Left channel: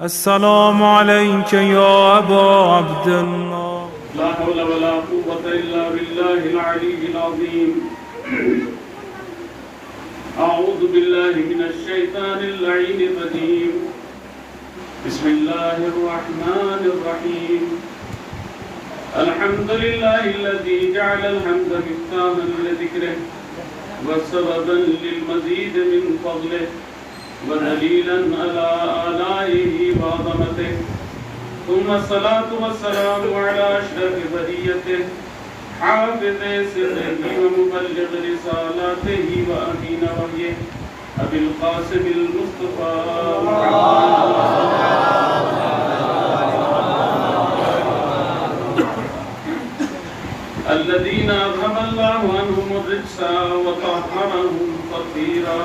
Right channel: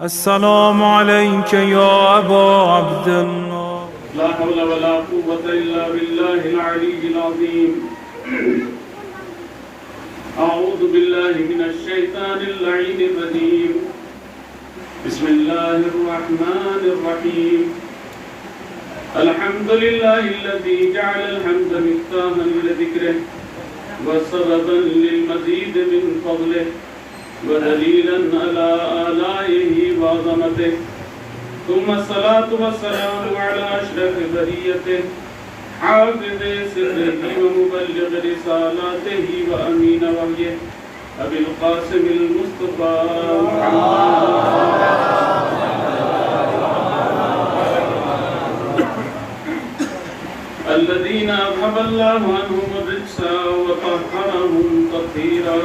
السلام عليك يا أبا عبد الله. لا حول ولا قوة إلا بالله العلي العظيم. أعوذ بالله من الشيطان اللعين الرجيم. بسم الله الرحمن الرحيم. الحمد لله الذي جعل الحمد مفتاحا لذكره وسببا للمزيد من فضله ودليلا على آلائه وعظمته، ثم الصلاة والسلام على أشرف بريته حافظ سره ومبلغ رسالاته وأمين وحيه أبي القاسم المصطفى الذين أذهب الله عنهم الرجس وطهرهم تطهيرا.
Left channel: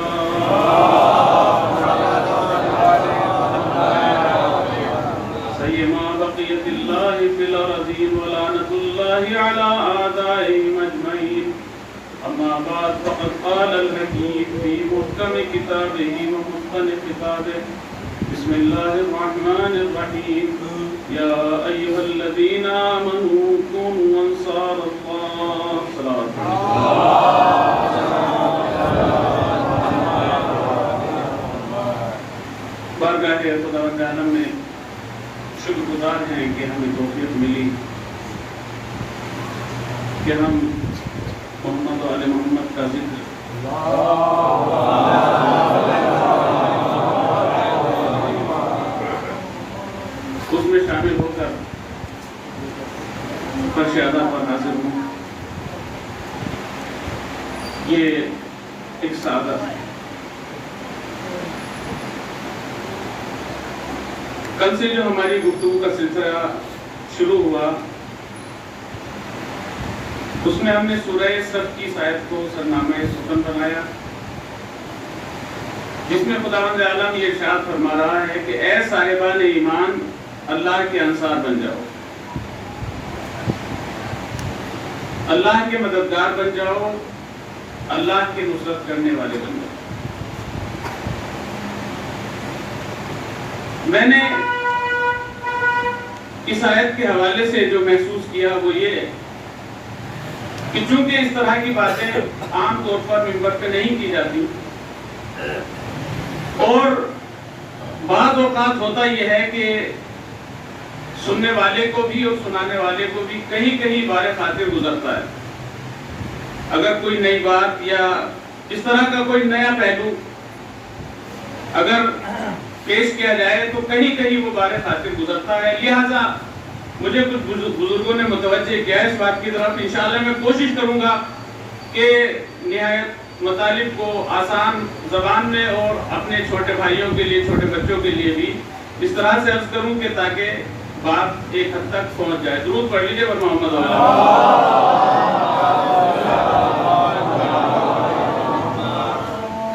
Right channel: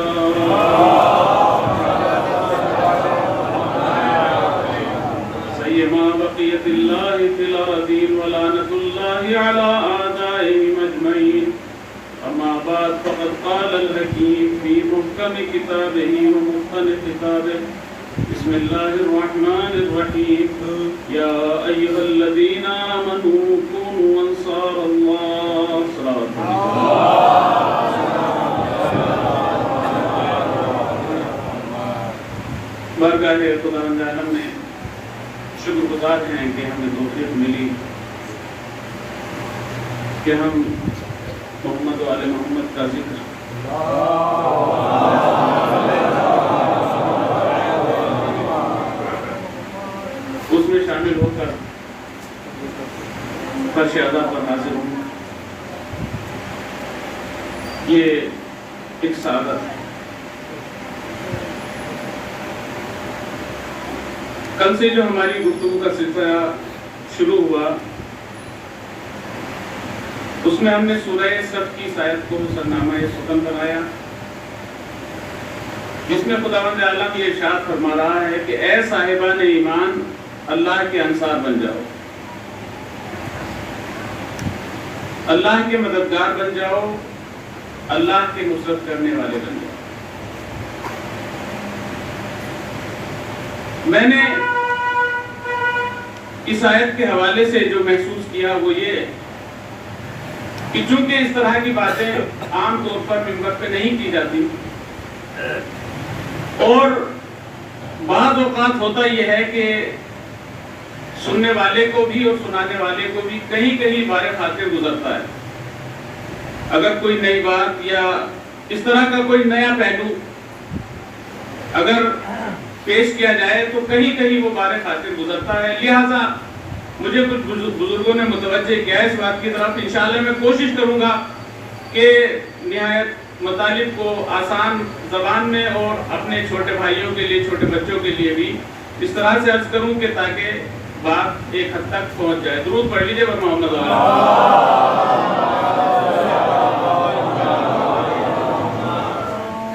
سيما بقية الله في الأرضين ولعنة الله على أعدائهم أجمعين. أما بعد فقد قال الحكيم في محكم كتابه ومتقن خطابه. بسم الله الرحمن الرحيم. يا أيها الذين آمنوا كونوا أنصار الله. صلاة بارگاہ خدا عالم میں شکر گزار ہیں کہ ہمیں توفیق ملی کہ ہم محمد و آل محمد کا ذکر اس میں شامل ہو کر فرش ادا پر حاضر ہوں. یہ ایک سعادت ہے. کل سے جو ہماری گفتگو کا سلسلہ شروع ہوا اس میں ہم نے سورہ صف کی آیت کو سرنامہ سخن بنایا، جس میں خداوند عالم یہ ارشاد فرما رہا ہے کہ اے صاحبان ایمان اللہ کے انصار بن جاؤ، اللہ کے مددگار بن جاؤ، اللہ کے نصرت کرنے والے بن جاؤ. میں نے اس آیت کے حوالے سے جو محسوس کیا وہ یہ کہ چونکہ اس طرح کی باتیں عام طور پر منبر پہ نہیں کی جاتی اور بعض اوقات ہوتا یہ ہے کہ سننے والے کو بھی اور سنانے والے کو بھی کہیں کہیں بار خاطر گزرتا ہے. اگر کوئی نئی بات یا اس طرح کا کوئی نیا پہلو اگر پیش کیا جائے تو کہیں کہیں وہ بار خاطر گزرتا ہے. لہٰذا مجھے کچھ بزرگوں نے متوجہ کیا اس بات کی طرف. انشاءاللہ میں کوشش کروں گا کہ نہایت مطالب کو آسان زبان میں اور اپنے چھوٹے بھائیوں کے لیے چھوٹے بچوں کے لیے بھی اس طرح سے عرض کروں کہ تاکہ بات ایک حد تک پہنچ جائے. درود پڑھ لیجیے بر محمد.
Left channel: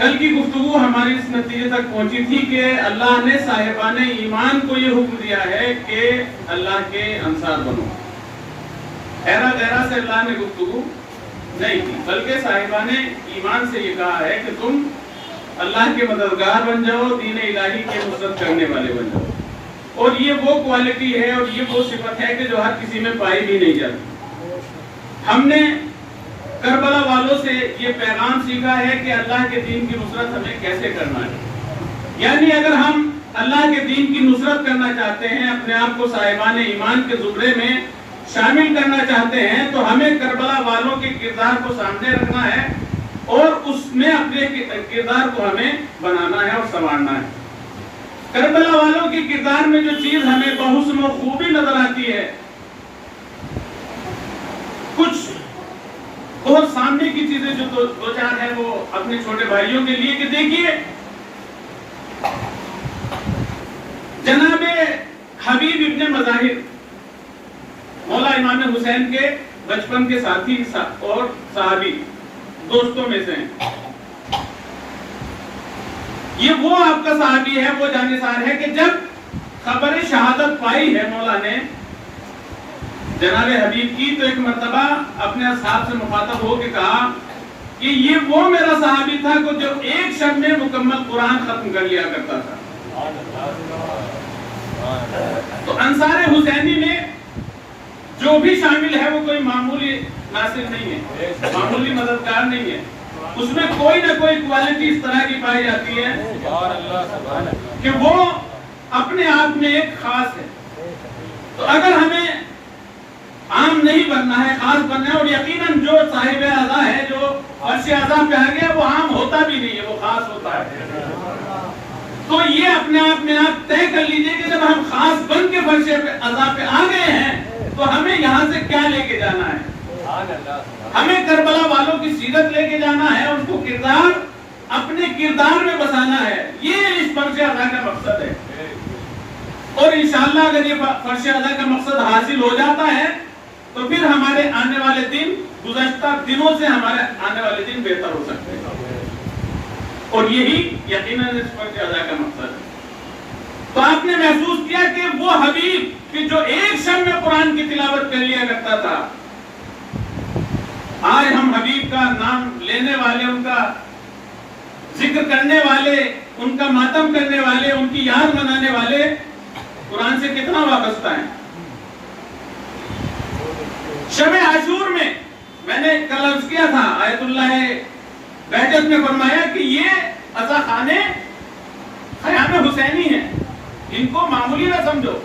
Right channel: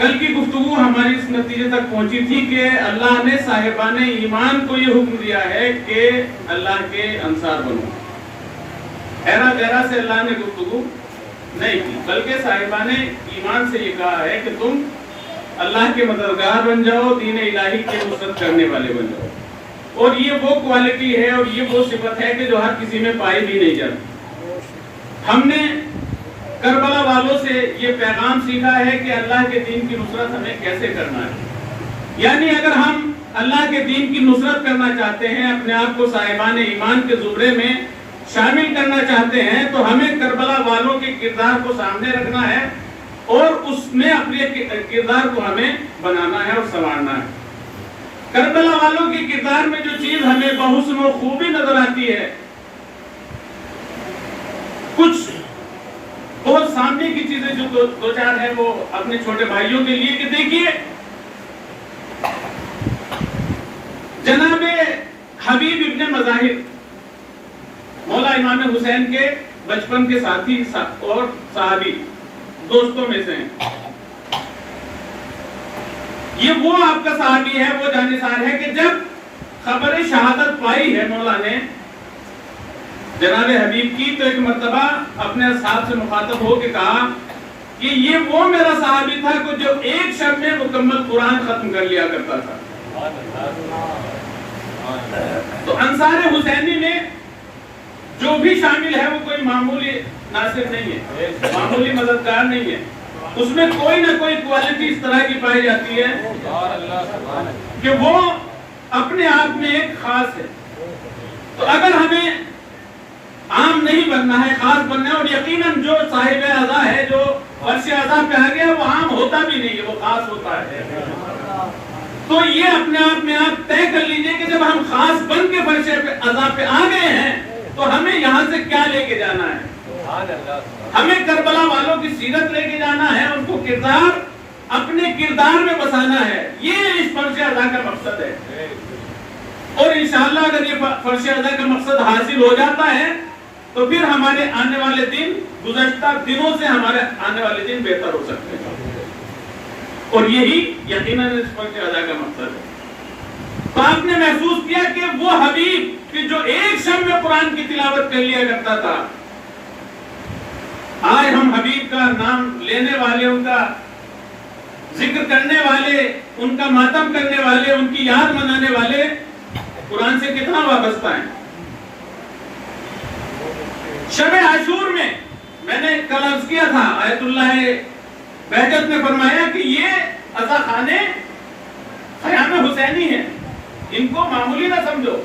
کل کی گفتگو ہماری اس نتیجے تک پہنچی تھی کہ اللہ نے صاحبان ایمان کو یہ حکم دیا ہے کہ اللہ کے انصار بنو. ایرا غیرہ سے اللہ نے گفتگو نہیں کی بلکہ صاحبان ایمان سے یہ کہا ہے کہ تم اللہ کے مددگار بن جاؤ، دین الہی کے نصرت کرنے والے بن جاؤ. اور یہ وہ کوالٹی ہے اور یہ وہ صفت ہے کہ جو ہر کسی میں پائی بھی نہیں جاتی. ہم نے کربلا والوں سے یہ پیغام سیکھا ہے کہ اللہ کے دین کی نصرت ہمیں کیسے کرنا ہے. یعنی اگر ہم اللہ کے دین کی نصرت کرنا چاہتے ہیں، اپنے آپ کو صاحبان ایمان کے زمرے میں شامل کرنا چاہتے ہیں، تو ہمیں کربلا والوں کے کردار کو سامنے رکھنا ہے اور اس میں اپنے کردار کو ہمیں بنانا ہے اور سنوارنا ہے. کربلا والوں کے کردار میں جو چیز ہمیں بحسن و خوبی نظر آتی ہے، کچھ بہت سامنے کی چیزیں جو دو چار ہیں وہ اپنے چھوٹے بھائیوں کے لیے کہ دیکھیے جناب حبیب ابن مظاہر مولا امام حسین کے بچپن کے ساتھی اور صحابی دوستوں میں سے ہیں. یہ وہ آپ کا صحابی ہے، وہ جانثار ہے کہ جب خبر شہادت پائی ہے مولا نے جناب حبیب کی تو ایک مرتبہ اپنے اصحاب سے مخاطب ہو کے کہا کہ یہ وہ میرا صحابی تھا جو ایک شب میں مکمل قرآن ختم کر لیا کرتا تھا. انصار حسینی میں جو بھی شامل ہے وہ کوئی معمولی ناصر نہیں ہے، معمولی مددگار نہیں ہے، اس میں کوئی نہ کوئی کوالٹی اس طرح کی پائی جاتی ہے کہ وہ اپنے آپ میں ایک خاص ہے۔ تو اگر ہمیں عام نہیں بننا ہے، خاص بننا ہے، اور یقیناً جو صاحب اعضا ہے، جو فرش اعضا پہ آ گیا، وہ عام ہوتا بھی نہیں ہے، وہ خاص ہوتا ہے۔ تو یہ اپنے آپ میں آپ طے کر لیجئے کہ جب ہم خاص بن کے فرش اعضا پہ آ گئے ہیں تو ہمیں یہاں سے کیا لے کے جانا ہے؟ ہمیں کربلا والوں کی سیرت لے کے جانا ہے، ان کو کردار اپنے کردار میں بسانا ہے، یہ اس فرش اعضا کا مقصد ہے۔ اور انشاءاللہ اگر یہ فرش اعضا کا مقصد حاصل ہو جاتا ہے تو پھر ہمارے آنے والے دن گزشتہ دنوں سے ہمارے آنے والے دن بہتر ہو سکتے ہیں، اور یہی یقیناً اس فرش اعضا کا مقصد ہے۔ تو آپ نے محسوس کیا کہ وہ حبیب کہ جو ایک شب میں قرآن کی تلاوت کر لیا کرتا تھا، آج ہم حبیب کا نام لینے والے، ان کا ذکر کرنے والے، ان کا ماتم کرنے والے، ان کی یاد منانے والے قرآن سے کتنا وابستہ ہیں۔ شب عاشور میں نے کل عرض کیا تھا، آیت اللہ بہجت نے فرمایا کہ یہ عزا خانے خیام حسینی ہیں، ان کو معمولی نہ سمجھو۔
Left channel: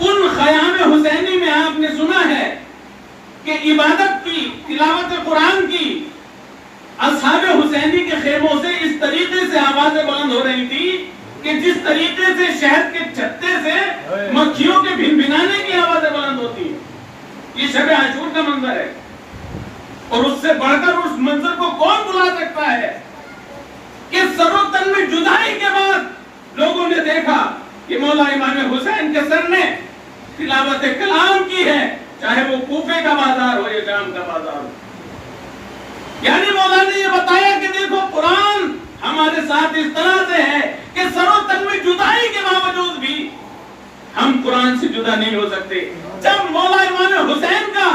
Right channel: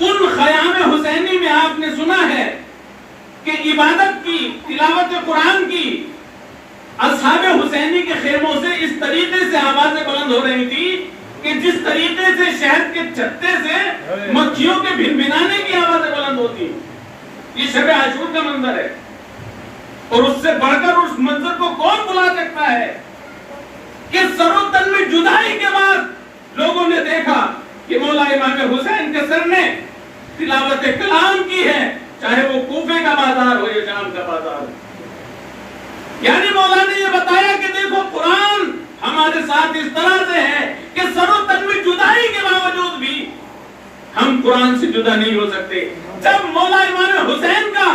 ان خیام حسینی میں آپ نے سنا ہے کہ عبادت کی، تلاوت قرآن کی اصحاب حسینی کے خیموں سے اس طریقے سے آوازیں بلند ہو رہی تھی کہ جس طریقے سے شہد کے چھتے سے مکھیوں کے بھنبھنانے کی آوازیں بلند ہوتی۔ یہ شب عاشور کا منظر ہے، اور اس سے بڑھ کر اس منظر کو کون بلا سکتا ہے کہ سر و تن میں جدائی کے بعد لوگوں نے دیکھا کہ مولا امام حسین کے سر نے تلاوت کلام کی ہے، چاہے وہ کوفے کا بازار ہو یا شام کا بازار ہو۔ یعنی مولا نے یہ بتایا کہ دیکھو قرآن ہمارے ساتھ اس طرح سے ہے کہ سر و تن میں جدائی کے باوجود بھی ہم قرآن سے جدا نہیں ہو سکتے۔ جب مولا امام حسین کا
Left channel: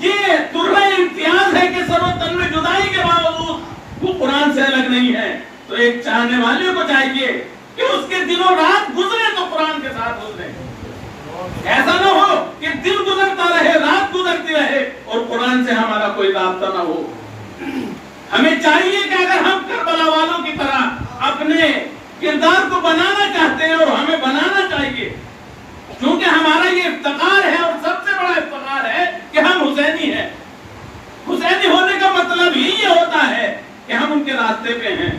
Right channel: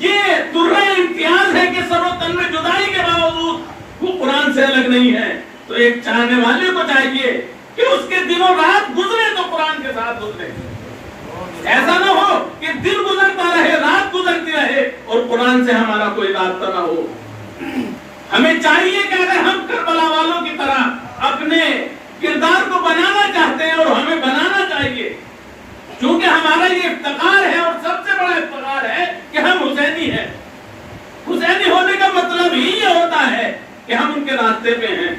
یہ درہ امتیاز ہے کہ سر و تن میں جدائی کے باوجود وہ قرآن سے الگ نہیں ہے، تو ایک چاہنے والے کو چاہیے کہ اس کے دنوں رات گزرے تو قرآن کے ساتھ گزرے۔ ایسا نہ ہو کہ دن گزرتا رہے، رات گزرتی رہے اور قرآن سے ہمارا کوئی رابطہ نہ ہو۔ ہمیں چاہیے کہ اگر ہم کربلا والوں کی طرح اپنے کردار کو بنانا چاہتے ہیں، اور ہمیں بنانا چاہیے، کیونکہ ہمارا یہ افتخار ہے اور سب سے بڑا افتخار ہے کہ ہم حسینی ہیں۔ حسینی ہونے کا مطلب ہی یہ ہوتا ہے کہ ہم ان کے راستے پہ ہیں۔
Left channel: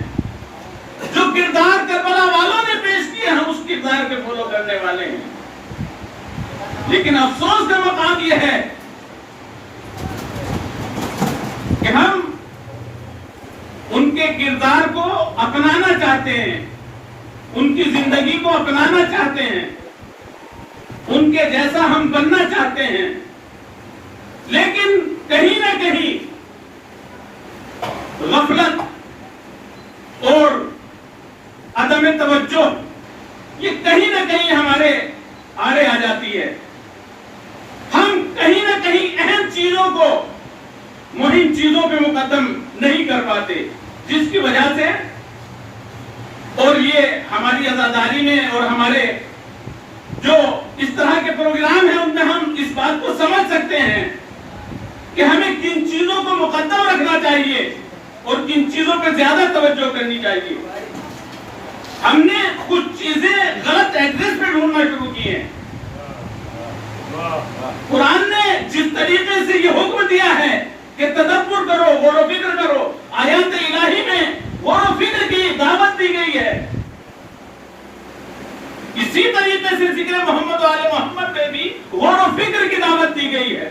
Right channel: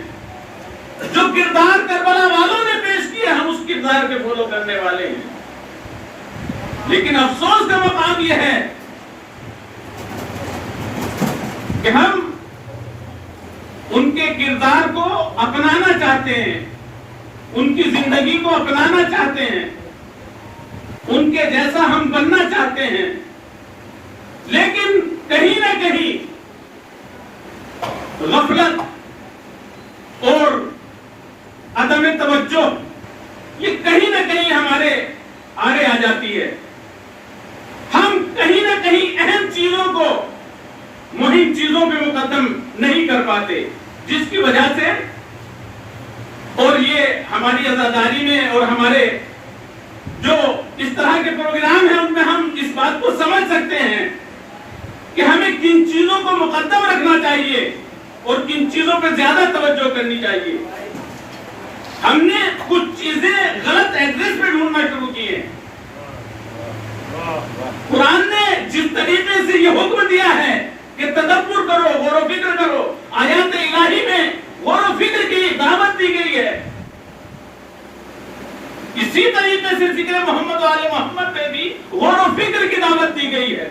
جو کردار کربلا والوں نے پیش کیا، ہم اس کردار کے فالو کرنے والے ہیں۔ لیکن افسوس کا مقام یہ ہے کہ ہم ان کے کردار کو اپنانا چاہتے ہیں، ان کی زندگی کو اپنانا چاہتے ہیں، ان کے جیسا ہم بننا چاہتے ہیں، لیکن کہیں نہ کہیں غفلت اور عدم توجہ یہ کہیں نہ کہیں ہمارے آگے آ جاتی ہے۔ ہم کہیں نہ کہیں اہم چیزوں کو مہم چیزوں پہ مقدم نہیں کر پاتے، جس کی وجہ سے، اور یہ ہماری عزاداری میں اور ہمارے جو اس طرح کے پروگرام ہیں ان میں ہم اس بات کو سمجھ سکتے ہیں کہ ہمیں کن چیزوں کو مقدم رکھنا چاہیے اور کن چیزوں پہ زیادہ توجہ کرنی چاہیے۔ ہم نے کچھ چیزیں غلط ایڈریس پہ ڈھونڈنا شروع کی ہیں۔ قرآن نے جس طریقے سے یہ حکم دیا ہے کہ تدبر کرو، غور و فکر کرو، آیات الہی میں غور و فکر کی دعوت دی گئی ہے، اسی طریقے سے ذکر محمد و آل محمد میں بھی غور و فکر کی دعوت دی گئی ہے۔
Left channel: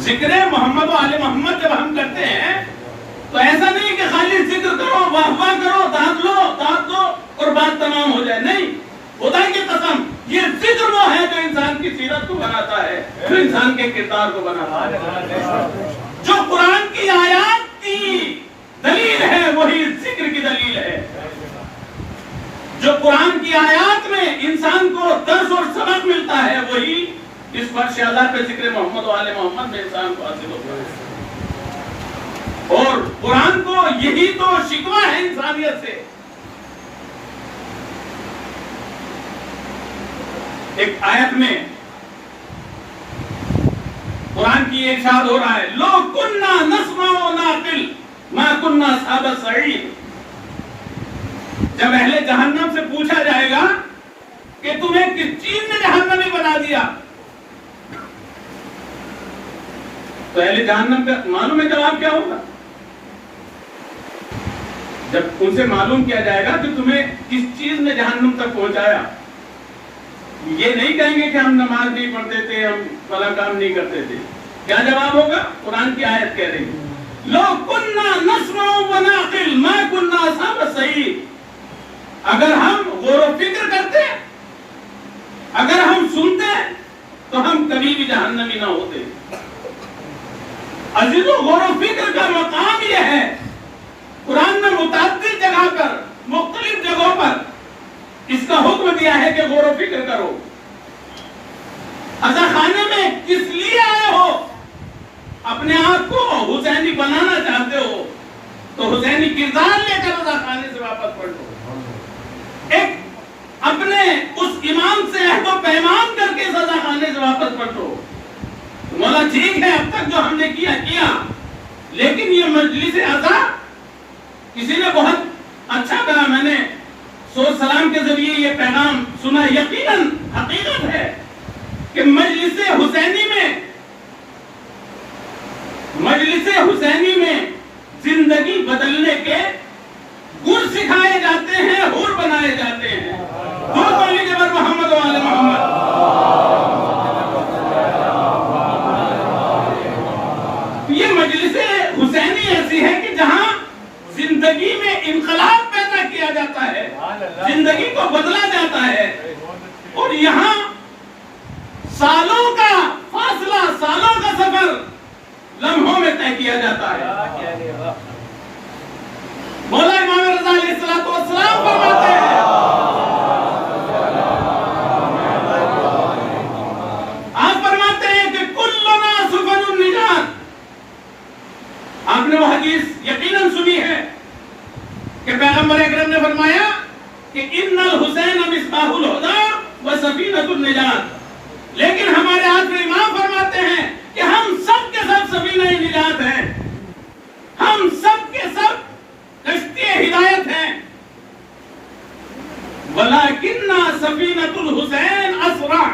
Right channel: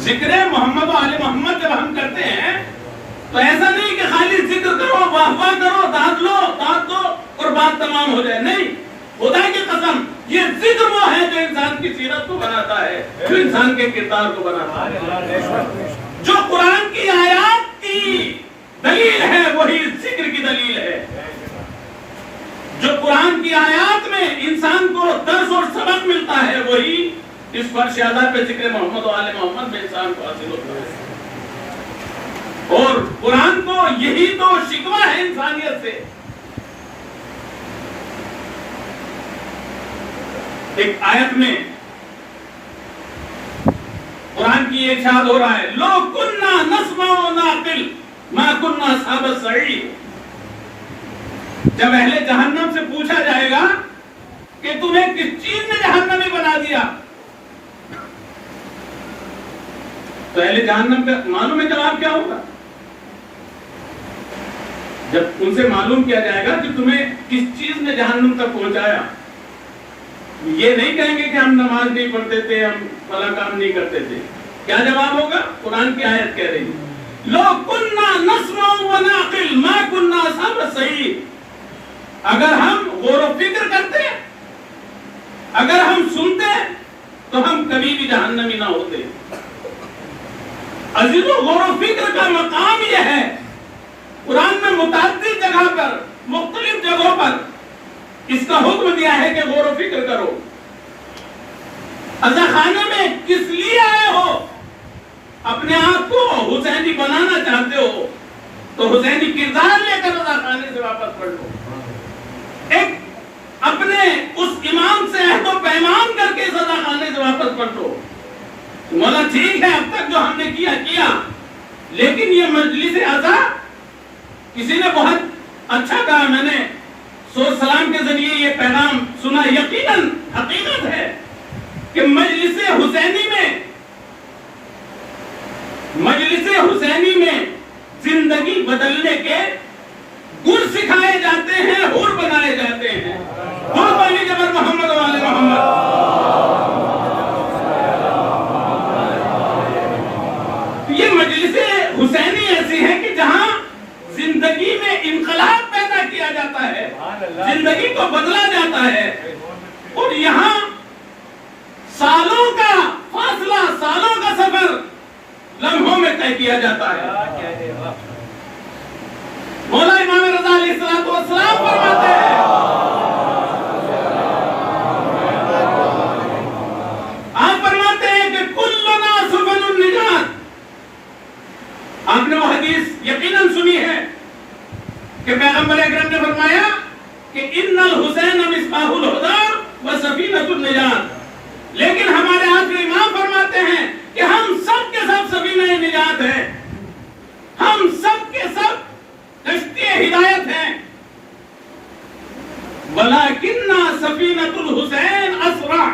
ذکر محمد و آل محمد جب ہم کرتے ہیں تو ایسا نہیں کہ خالی ذکر کرو، واہ واہ کرو، داد لو اور بات تمام ہو جائے، نہیں۔ خدا کی قسم یہ ذکر وہ ہے جو انسان کی سیرت کو بناتا ہے، جو انسان کے کردار کو بناتا ہے۔ جو قرآن کی آیات کی دلیل ہے وہی ذکر کی دلیل ہے۔ جو قرآن کی آیات میں انسان کو درس اور سبق ملتا ہے وہی اس فرش اعلیٰ پہ ذکر محمد و آل محمد میں انسان کو حاصل ہوتا ہے۔ اور قرآن کو یہی تو شکوہ ہے انسانیت سے ایک آیت میں قرآن کی ارشاد ہو رہا ہے لو کننا نسمع و نعقل ما کننا اصحاب السعیر. جب اہل جہنم سے پوچھا جائے گا کہ تمہیں کس چیز نے جہنمی بنا دیا، تو اہل جہنم کا معلوم ہے جواب کیا ہوگا؟ جب ان سے معلوم کیا جائے گا کہ تمہیں کس چیز نے جہنم تک پہنچایا، یہ نہیں کہیں گے کہ ہم نماز نہیں پڑھتے تھے، ہم فلاں کام نہیں کرتے تھے. کیا جواب ہوگا؟ قرآن کی آیت کہہ رہی ہے لو کننا نسمع و نعقل ما کننا اصحاب السعیر. اگر ہم غور و فکر کرتے، اگر ہم سنتے تو ہم کبھی بھی جہنمی نہ ہوتے. عزیزو، غور و فکر کا مقام یہ ہے. قرآن نے متعدد جگہ پر، مختلف جگہوں پر اس کا حکم دیا ہے کہ غور و فکر کرو. عزا خانے میں کس لیے آئے ہو؟ اپنے آپ کو حسینی بنانا چاہتے ہو تو حسینی کردار لے کر عزا خانے سے واپس پلٹو. ایک اپنے اس امام سے عہد و پیمان کر کے عزا خانے سے واپس پلٹو. مولا ٹھیک ہے، اب تک جو ہم نے کیا لیکن یہ مجلس عزا کسی نے بہت اچھا کہا، میں نے سوچ سلام کے ذریعے یہ پیغام سنا. یقیناً حقیقت ہے کہ مجلس حسینی میں زندگی بدلنے کے گر سکھائے جاتے ہیں، حور بنائے جاتے ہیں. بہت بڑی جبر محمد و آل محمد. یہ مجلس حسینی ایسی ہے کہ جہاں زندگی میں انقلاب پیدا کیا جاتا ہے، زندگی کو بدلا جاتا ہے. اور یہاں سالوں کا فاصلہ، سالوں کا سفر لمحوں میں طے کیا جاتا ہے. مولا امام رضا علیہ السلام فرماتے ہیں کہ کلنا سبل النجات. آپ نے وہ حدیث یقیناً سنی ہے کہ پیغمبر اکرم نے فرمایا کہ ان الحسین مصباح الہدی و سفینۃ النجات. لیکن ہمارے آخری امام فرماتے ہیں کہ ہم سب کے سب سفینہ نجات ہیں، ہم سب کے سب کشتی ہدایت ہیں. ولیکن سفینۃ الحسین اسرع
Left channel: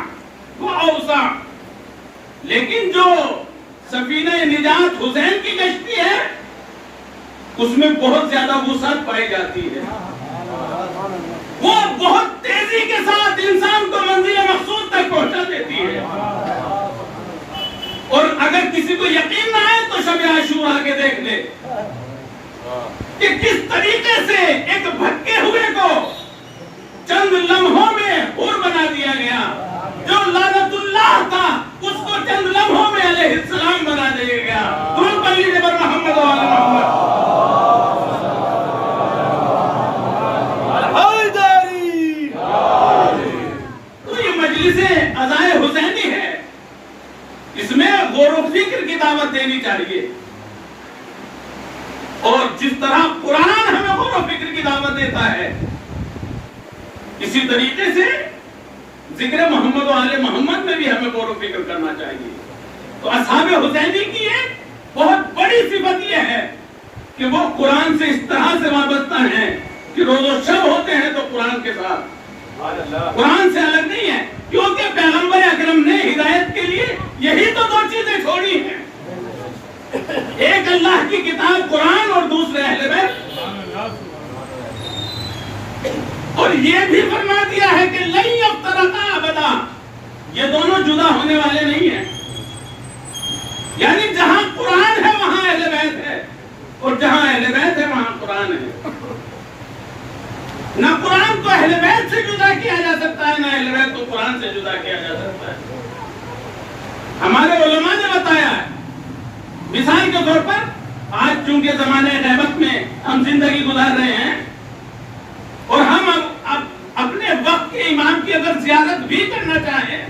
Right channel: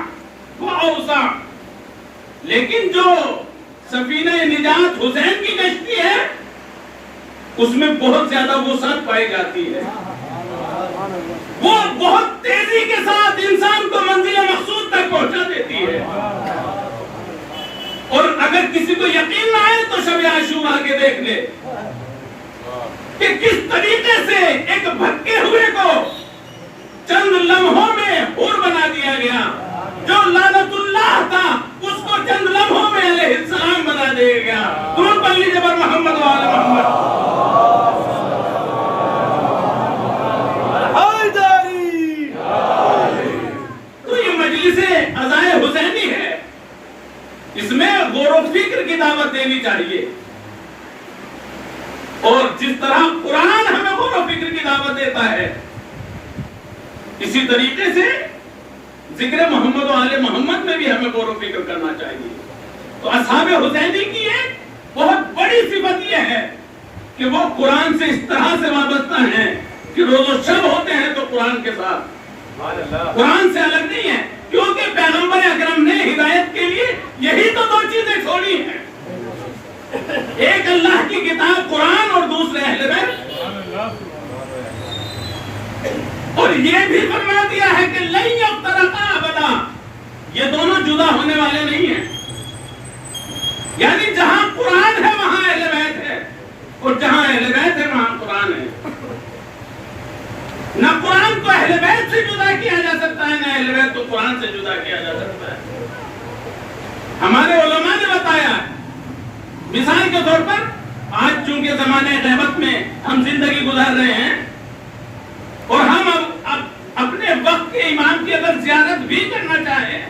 واوسع. لیکن جو سفینہ نجات حسین کی کشتی ہے اس میں بہت زیادہ وسعت پائی جاتی ہے. وہ بہت تیزی کے ساتھ انسان کو منزل مقصود تک پہنچا دیتی ہے. اور اگر کسی کو یقین نہ آئے تو شب عاشورہ کے دیکھ لے کہ کس طریقے سے ایک بھٹکے ہوئے کو چند لمحوں میں حور بنا دیا گیا. جو لعنت اللہ تھا اس کو چند لمحوں میں علیہ السلام بنا دیا گیا. درود پڑھ لیجیے پر محمد و آل محمد. تو یہ مجلس عزائے حسینی ہے، اس میں غور و فکر کی دعوت دینی چاہیے. اور جس طرح قرآن ہمیں غور و فکر کی دعوت دیتا ہے، اسی طریقے سے ذکر محمد و آل محمد میں بھی ہمیں غور و فکر کرنا چاہیے. تو اصحاب حسینی کی ایک بہت بڑی صفت یہ ہے کہ وہ قرآن سے اس طرح سے وابستہ ہیں کہ روز و شب ہوتے ہیں تو قرآن کے ساتھ، قرآن سے الگ نہیں ہے. کیونکہ پیغمبر اکرم نے ہدایت کے لیے یہی تو دو چیزیں چھوڑی ہیں، ایک اللہ کی کتاب قرآن اور دوسرے اہل بیت. اور یہ بھی فرما دیا ہے کہ لن یفترقا ابدا. یہ دونوں جدا ہونے والے نہیں ہیں. یعنی جہاں قرآن ہے وہاں اہل بیت ہے، اور جہاں اہل بیت ہے وہاں قرآن ہے. نہ قرآن کو اہل بیت سے جدا کیا جا سکتا ہے، نہ اہل بیت کو قرآن سے جدا کیا جا سکتا ہے. ہمارے علماء نے بتایا ہے، مثال کے طور پر آج چونکہ زمانے غیبت میں ہم زندگی گزار رہے ہیں اور ہم اب اپنے وقت کے امام کی اگر زیارت بھی کرنا چاہیں،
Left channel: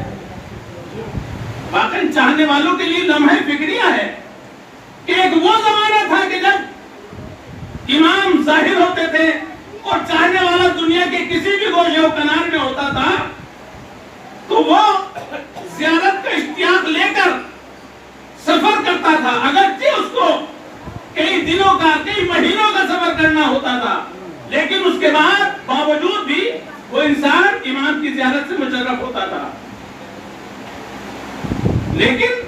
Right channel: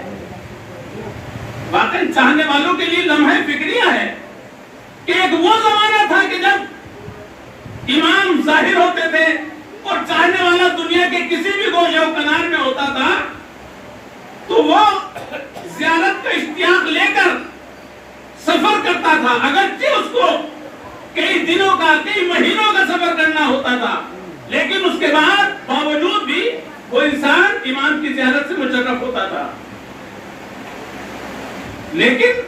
واقعی چاہنے والوں کے لیے لمحہ فکریہ ہے کہ ایک وہ زمانہ تھا کہ جب امام ظاہر ہوتے تھے اور چاہنے والا دنیا کے کسی بھی گوشے و کنار میں ہوتا تھا تو تو وہ زیارت کا اشتیاق لے کر سفر کرتا تھا، اگرچہ اس کو کئی دنوں کا کئی مہینوں کا سفر کرنا ہوتا تھا، لیکن اس کے بعد باوجود بھی وہ انسان امام کی زیارت سے مشرف ہوتا تھا۔ لیکن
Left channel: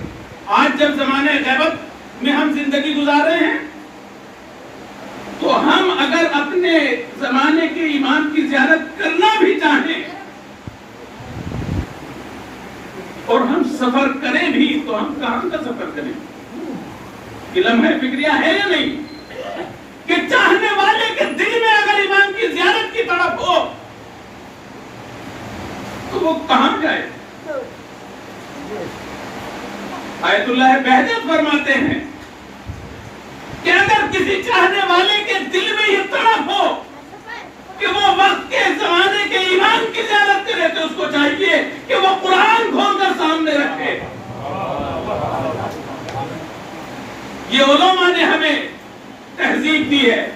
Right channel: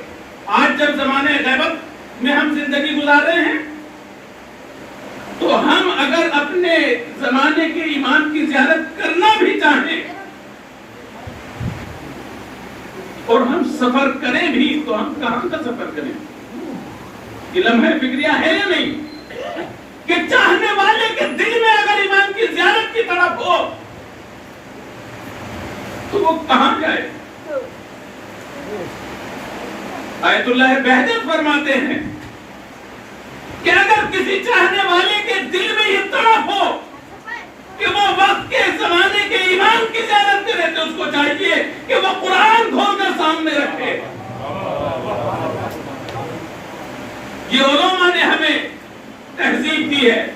آج جب زمانے غیبت میں ہم زندگی گزار رہے ہیں تو ہم اگر اپنے زمانے کے امام کی زیارت کرنا بھی چاہیں اور ہم سفر کریں بھی تو ہم کہاں کا سفر کریں؟ یہ لمحہ فکریہ ہے یا نہیں کہ چاہنے والے کے دل میں اگر امام کی زیارت کی طرف ہو تو وہ کہاں جائے؟ آیت اللہ بہجت فرماتے ہیں کہ اگر کسی چاہنے والے کے دل میں یہ طرف ہو کہ وہ وقت کے زمانے کے امام کی زیارت کرے تو اس کو چاہیے کہ وہ قرآن کھول کر سامنے رکھے۔ یہ علماء نے ہمیں تہذیب دی ہے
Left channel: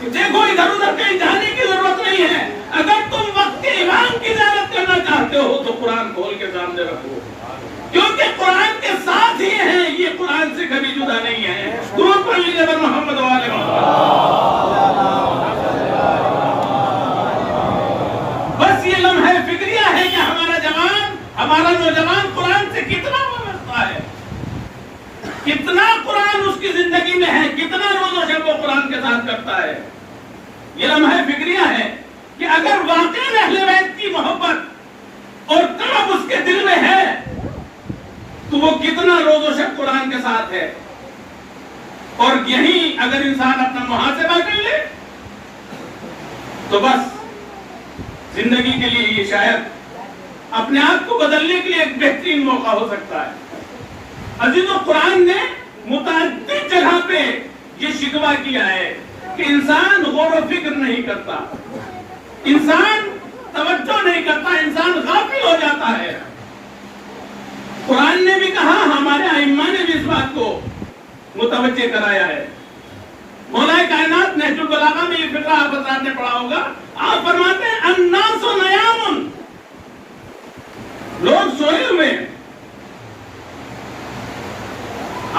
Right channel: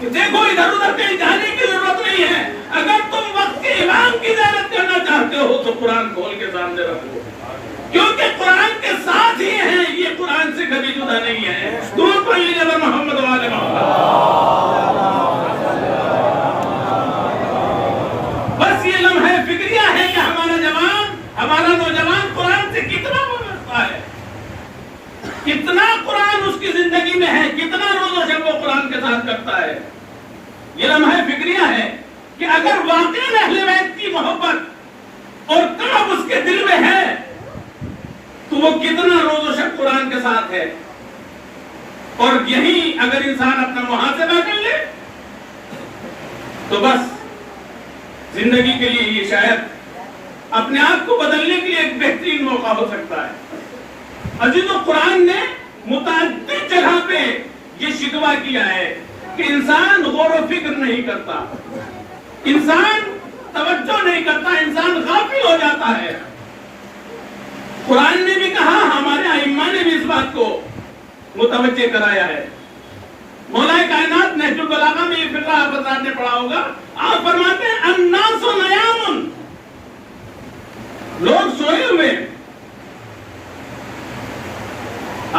کہ دیکھو ادھر ادھر کہیں جانے کی ضرورت نہیں ہے، اگر تم وقت کے امام کی زیارت کرنا چاہتے ہو تو قرآن کھول کے سامنے رکھو، کیونکہ قرآن کے ساتھ ہی ہیں، یہ قرآن سے کبھی جدا نہیں ہے۔ درود پڑھ لیجیے محمد وآل محمد۔ بس یہ لمحہ فکریہ ہے کہ ہمارا نوجوان قرآن سے کتنا وابستہ ہے، کتنا قرآن اس کی زندگی میں ہے، کتنا روز و شب وہ قرآن کے ساتھ کرتا ہے۔ یہ لمحہ فکریہ ہے کہ اگر واقعی اہل بیت کی محبت اور طلب اس کے دل میں ہے تو وہ کتنا روز و شب قرآن کے ساتھ ہے۔ اور یہی اگر انسان اپنا محاسبہ کر لے تو بس زندگی کے لیے یہ شاید اپنے آپ کو بدلنے کے لیے ایک بہترین موقع ہو سکتا ہے۔ عزیز قرآن نے متعدد جگہ پہ یہ شکوہ کیا ہے کہ انسان غور و فکر نہیں کرتا، انسان توجہ نہیں کرتا، انسان غافل ہو جاتا ہے۔ قرآن نے بھی کہا، ہمارے ائمہ نے بھی اس بات کو متوجہ کرایا ہے۔ مولا کائنات نہج البلاغہ میں یہ فقہ آپ حضرات نے پڑھا ہوگا، آپ فرماتے ہیں الناس نیام، لوگ سوئے ہوئے ہیں۔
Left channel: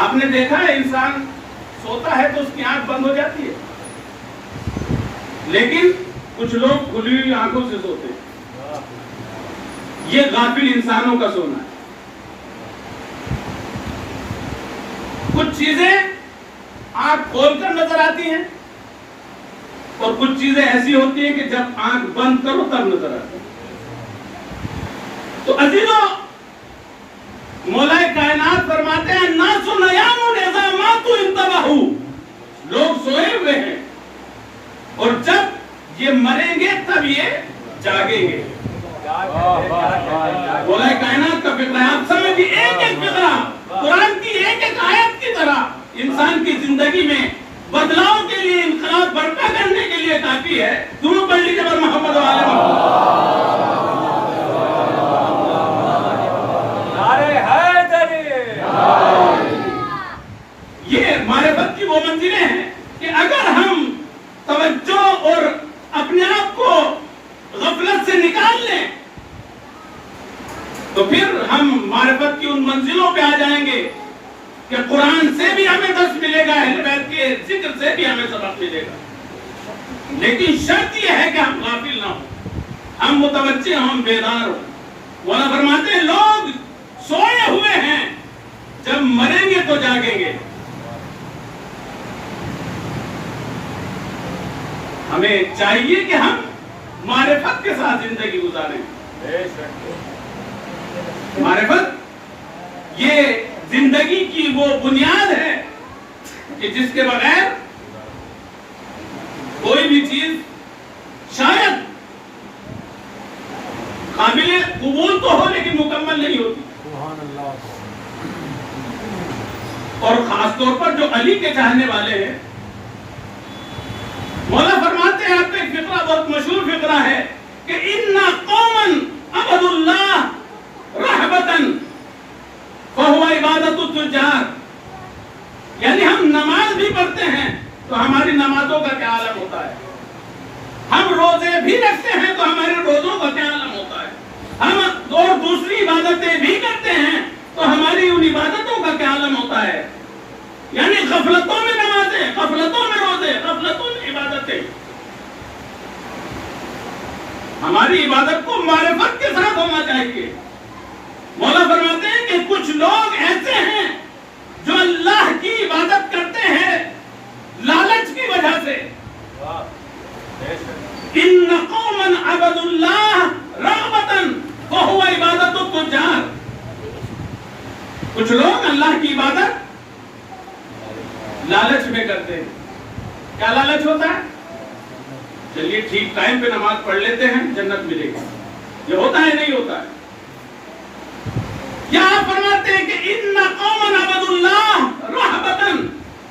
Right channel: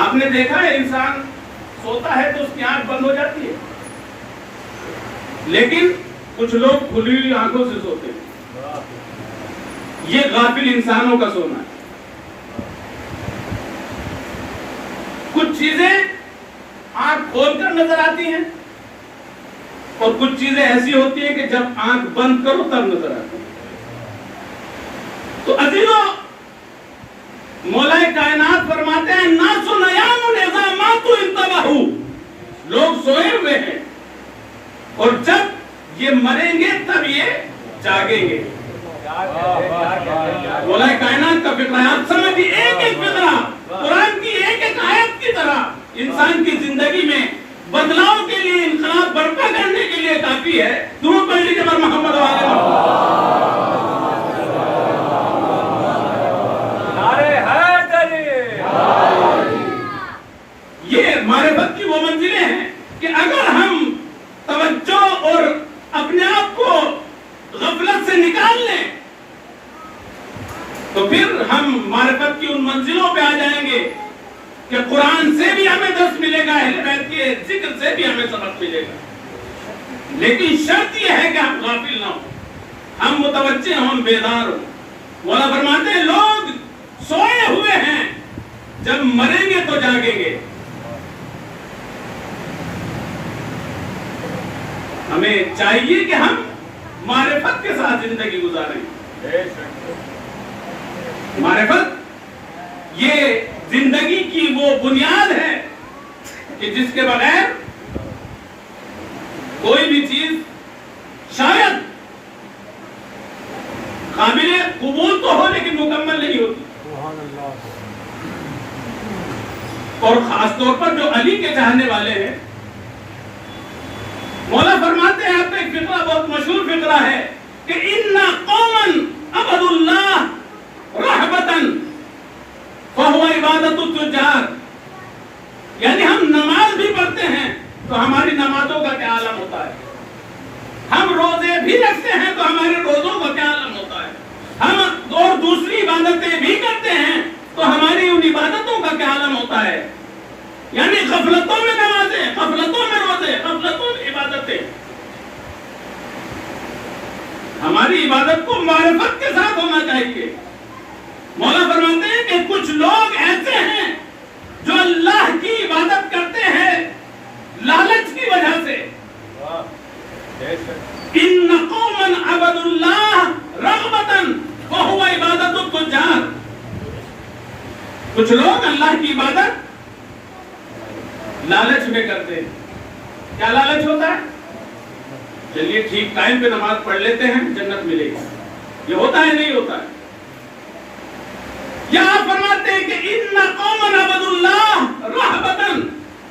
آپ نے دیکھا ہے انسان سوتا ہے تو اس کی آنکھ بند ہو جاتی ہے، لیکن کچھ لوگ کھلی ہوئی آنکھوں سے سوتے ہیں۔ یہ غافل انسانوں کا سونا ہے۔ کچھ چیزیں آنکھ کھول کر نظر آتی ہیں اور کچھ چیزیں ایسی ہوتی ہیں کہ جب آنکھ بند کرو تب نظر آتی ہیں۔ تو عزیزوں، مولا کائنات فرماتے ہیں الناس نیام اذا ماتوا انتبہوا، لوگ سوئے ہوئے ہیں اور جب یہ مریں گے تب یہ جاگیں گے۔ مولا کائنات کا فقرہ آپ سمجھیے، ایک ایک فقرہ قرآن کی ایک ایک آیت کی طرح انسان کی زندگی میں بدلاؤ کے لیے، انقلاب برپا کرنے کے لیے کافی ہے۔ درود پڑھ لیجیے محمد وآل محمد۔ یہ معرفت کی وہ منزلیں ہیں کہ اگر ہم توجہ اور اپنے آپ کو غفلت سے نکال لیں تو پھر ہم معرفت کی ان منزلوں پہ آ جائیں گے کہ قرآن سے بھی ہمیں درس ملے گا، اہل بیت کے ذکر سے بھی ہمیں سبق ملے گا، لیکن شرط یہ ہے کہ ہم غافل نہ ہوں، ہم متوجہ ہوں، ہم بیدار ہوں۔ مولا فرماتے ہیں لوگ سوئے ہوئے ہیں، جب مریں گے تو جاگیں گے۔ ہمیں چاہیے کہ ہم معرفت کے ساتھ زندگی گزاریں۔ معرفت یہ زندگی کی وہ بنیاد ہے کہ جس کے بغیر کوئی بھی چیز شاید قابل قبول تو ہو لیکن مکمل نہیں ہوتی۔ اور خاص طور پر جو علی کے چاہنے والے ہیں، مولا فرماتے ہیں، آپ کا ایک فقرہ بہت مشہور فقرہ ہے کہ اِنَّا قَوْمًا عَبَدُوا اللَّهَ رَحْبَةً فَهُوَ عِبَادَةُ التُّجَّارِ، یعنی ہم نماز بھی پڑھتے ہیں تو ہماری نمازوں کا کیا عالم ہوتا ہے، ہم روزے بھی رکھتے ہیں تو ہمارے روزوں کا کیا عالم ہوتا ہے، ہم اور دوسری ہوتا ہے. یعنی غفلتوں میں نمازیں، غفلتوں میں روزے، غفلتوں میں عبادتیں. ہماری عبادت کو معرفت کے ساتھ ہونا چاہیے. مولا فرماتے ہیں کہ کچھ لوگ ایسے ہیں جو اللہ کی عبادت کرتے ہیں لالچ کی وجہ سے. ان قوما عبدوا اللہ رغبتا وهو عبادت التجار. کچھ لوگ اللہ کی عبادت لالچ میں کرتے ہیں. کیا لالچ ہوتا ہے؟ چلیے ٹھیک ٹائم پہ نماز پڑھ لیتے ہیں جنت ملے گی. یہ ہوتا ہے نہیں ہوتا ہے؟ یہاں فرماتے ہیں کہ ان قوما عبدوا اللہ رہبتا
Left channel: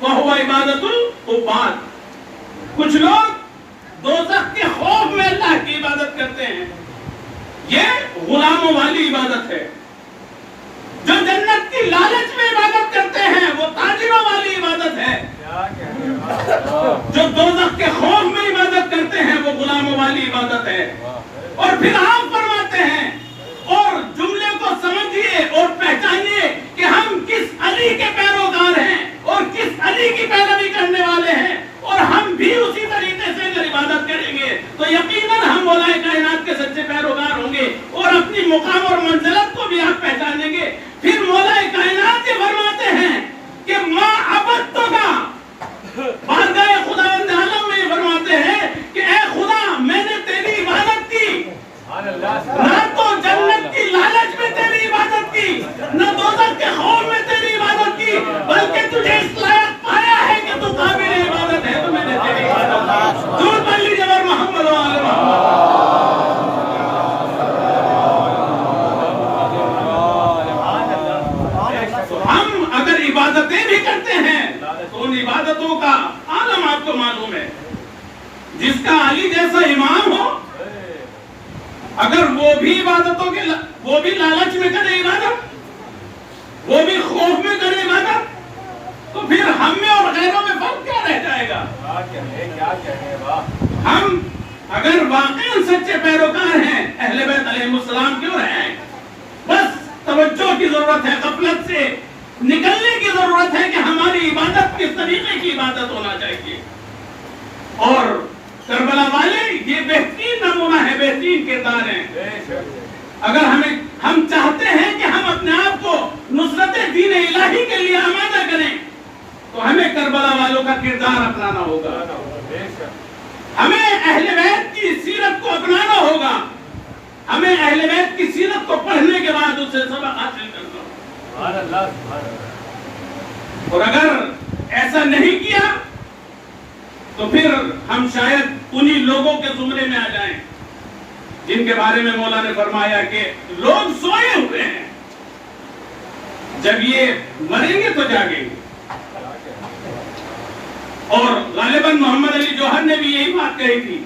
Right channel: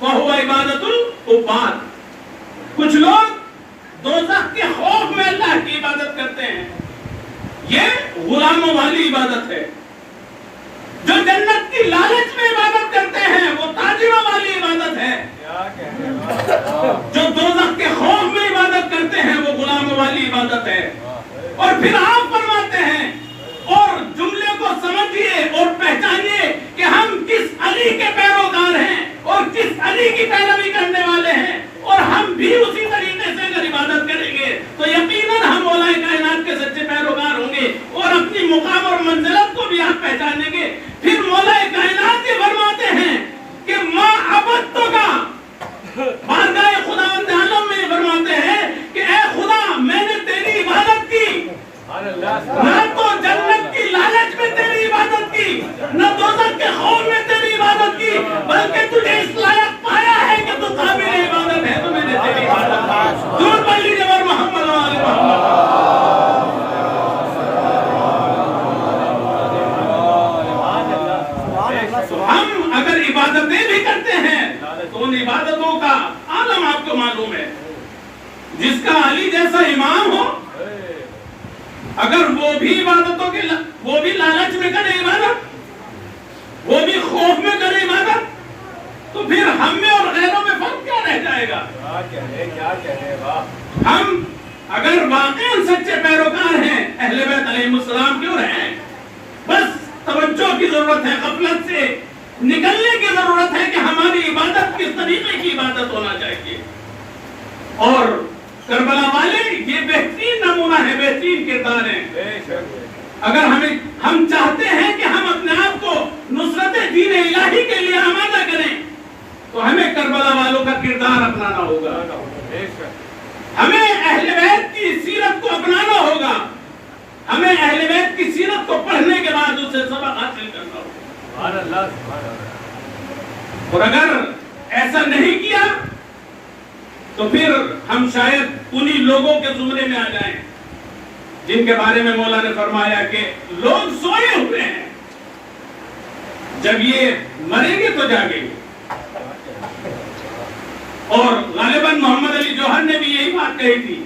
وهو عبادت العباد. کچھ لوگ دوزخ کے خوف میں اللہ کی عبادت کرتے ہیں. یہ غلاموں والی عبادت ہے. جو جنت کی لالچ میں عبادت کرتے ہیں وہ تاجروں والی عبادت ہے. جو دوزخ کے خوف میں عبادت کرتے ہیں وہ غلاموں والی عبادت ہے. اور پھر آپ فرماتے ہیں اور جملے کو سمجھیے اور پہچانیے کہ ہم کس علی کے پیروکار ہیں اور کس علی کی پیروی کرنے والے ہیں. اور ہم بھی اسی طریقے سے اگر عبادت کریں گے تو یقیناً ہم مولا کائنات کے سچے پیروکار ہوں گے اور اپنی مقام اور منزلت کو بھی آپ پہچانیں گے. پھر مولا کائنات یہ فرماتے ہیں کہ ما عبدتک، بارگاہ خداوند عالم میں فرماتے ہیں کہ اے خدا میں نے تیری عبادت کی، نہ تو جنت کی لالچ میں تیری عبادت کی، نہ دوزخ کے خوف میں تیری عبادت کی، بلکہ تجھے اس لائق پایا ہے کہ تو قابل عبادت ہے تو میں نے تیری عبادت کی. دور پڑھ لیجیے بر محمد و آل محمد. ہم اگر عبادتیں بھی کرتے ہیں تو ان عبادتوں کا عالم آپ کو معلوم ہے. جس کا علی جیسا امام ہو اگر وہ بھی عبادتوں کے وہ بھی لالچ میں کرے عبادت، وہ بھی خوف میں کرے عبادت، تو پھر ہم میں اور غیروں میں فرق کیا رہ جائے گا؟ ہم اگر واقعاً سچے پیروکار ہیں اہل بیت علیہ السلام کیوں ہیں؟ بس توجہ کی ضرورت ہے، غفلت سے نکلنے کی ضرورت ہے کہ ہماری عبادت کس طریقے کی عبادت ہونا چاہیے. اور کربلا والے یہ بہترین نمونہ ہے، بہترین کردار ہیں. اگر ہم چاہتے ہیں کہ ہم اپنے آپ کو نصرت دین الہی کے لیے آمادہ کریں تو ہمیں کربلا والوں کا کردار اپنانا ہوگا. ہمیں اہل بیت کی سیرت کو اپنانا ہوگا. ہمیں اہل بیت کی سیرت کو پڑھنے کے بعد اس سے سبق حاصل کرنا ہوگا. اور اگر ایسا نہیں کیا تو پھر ہم شاید انہی لوگوں کے زمرے میں آ جائیں جن کے بارے میں مولا نے فرمایا کہ لوگ سوئے ہوئے ہیں، جب یہ مریں گے تو جاگیں گے. اور غالباً محمد علی جوہر نے بھی یہی بات کہی تھی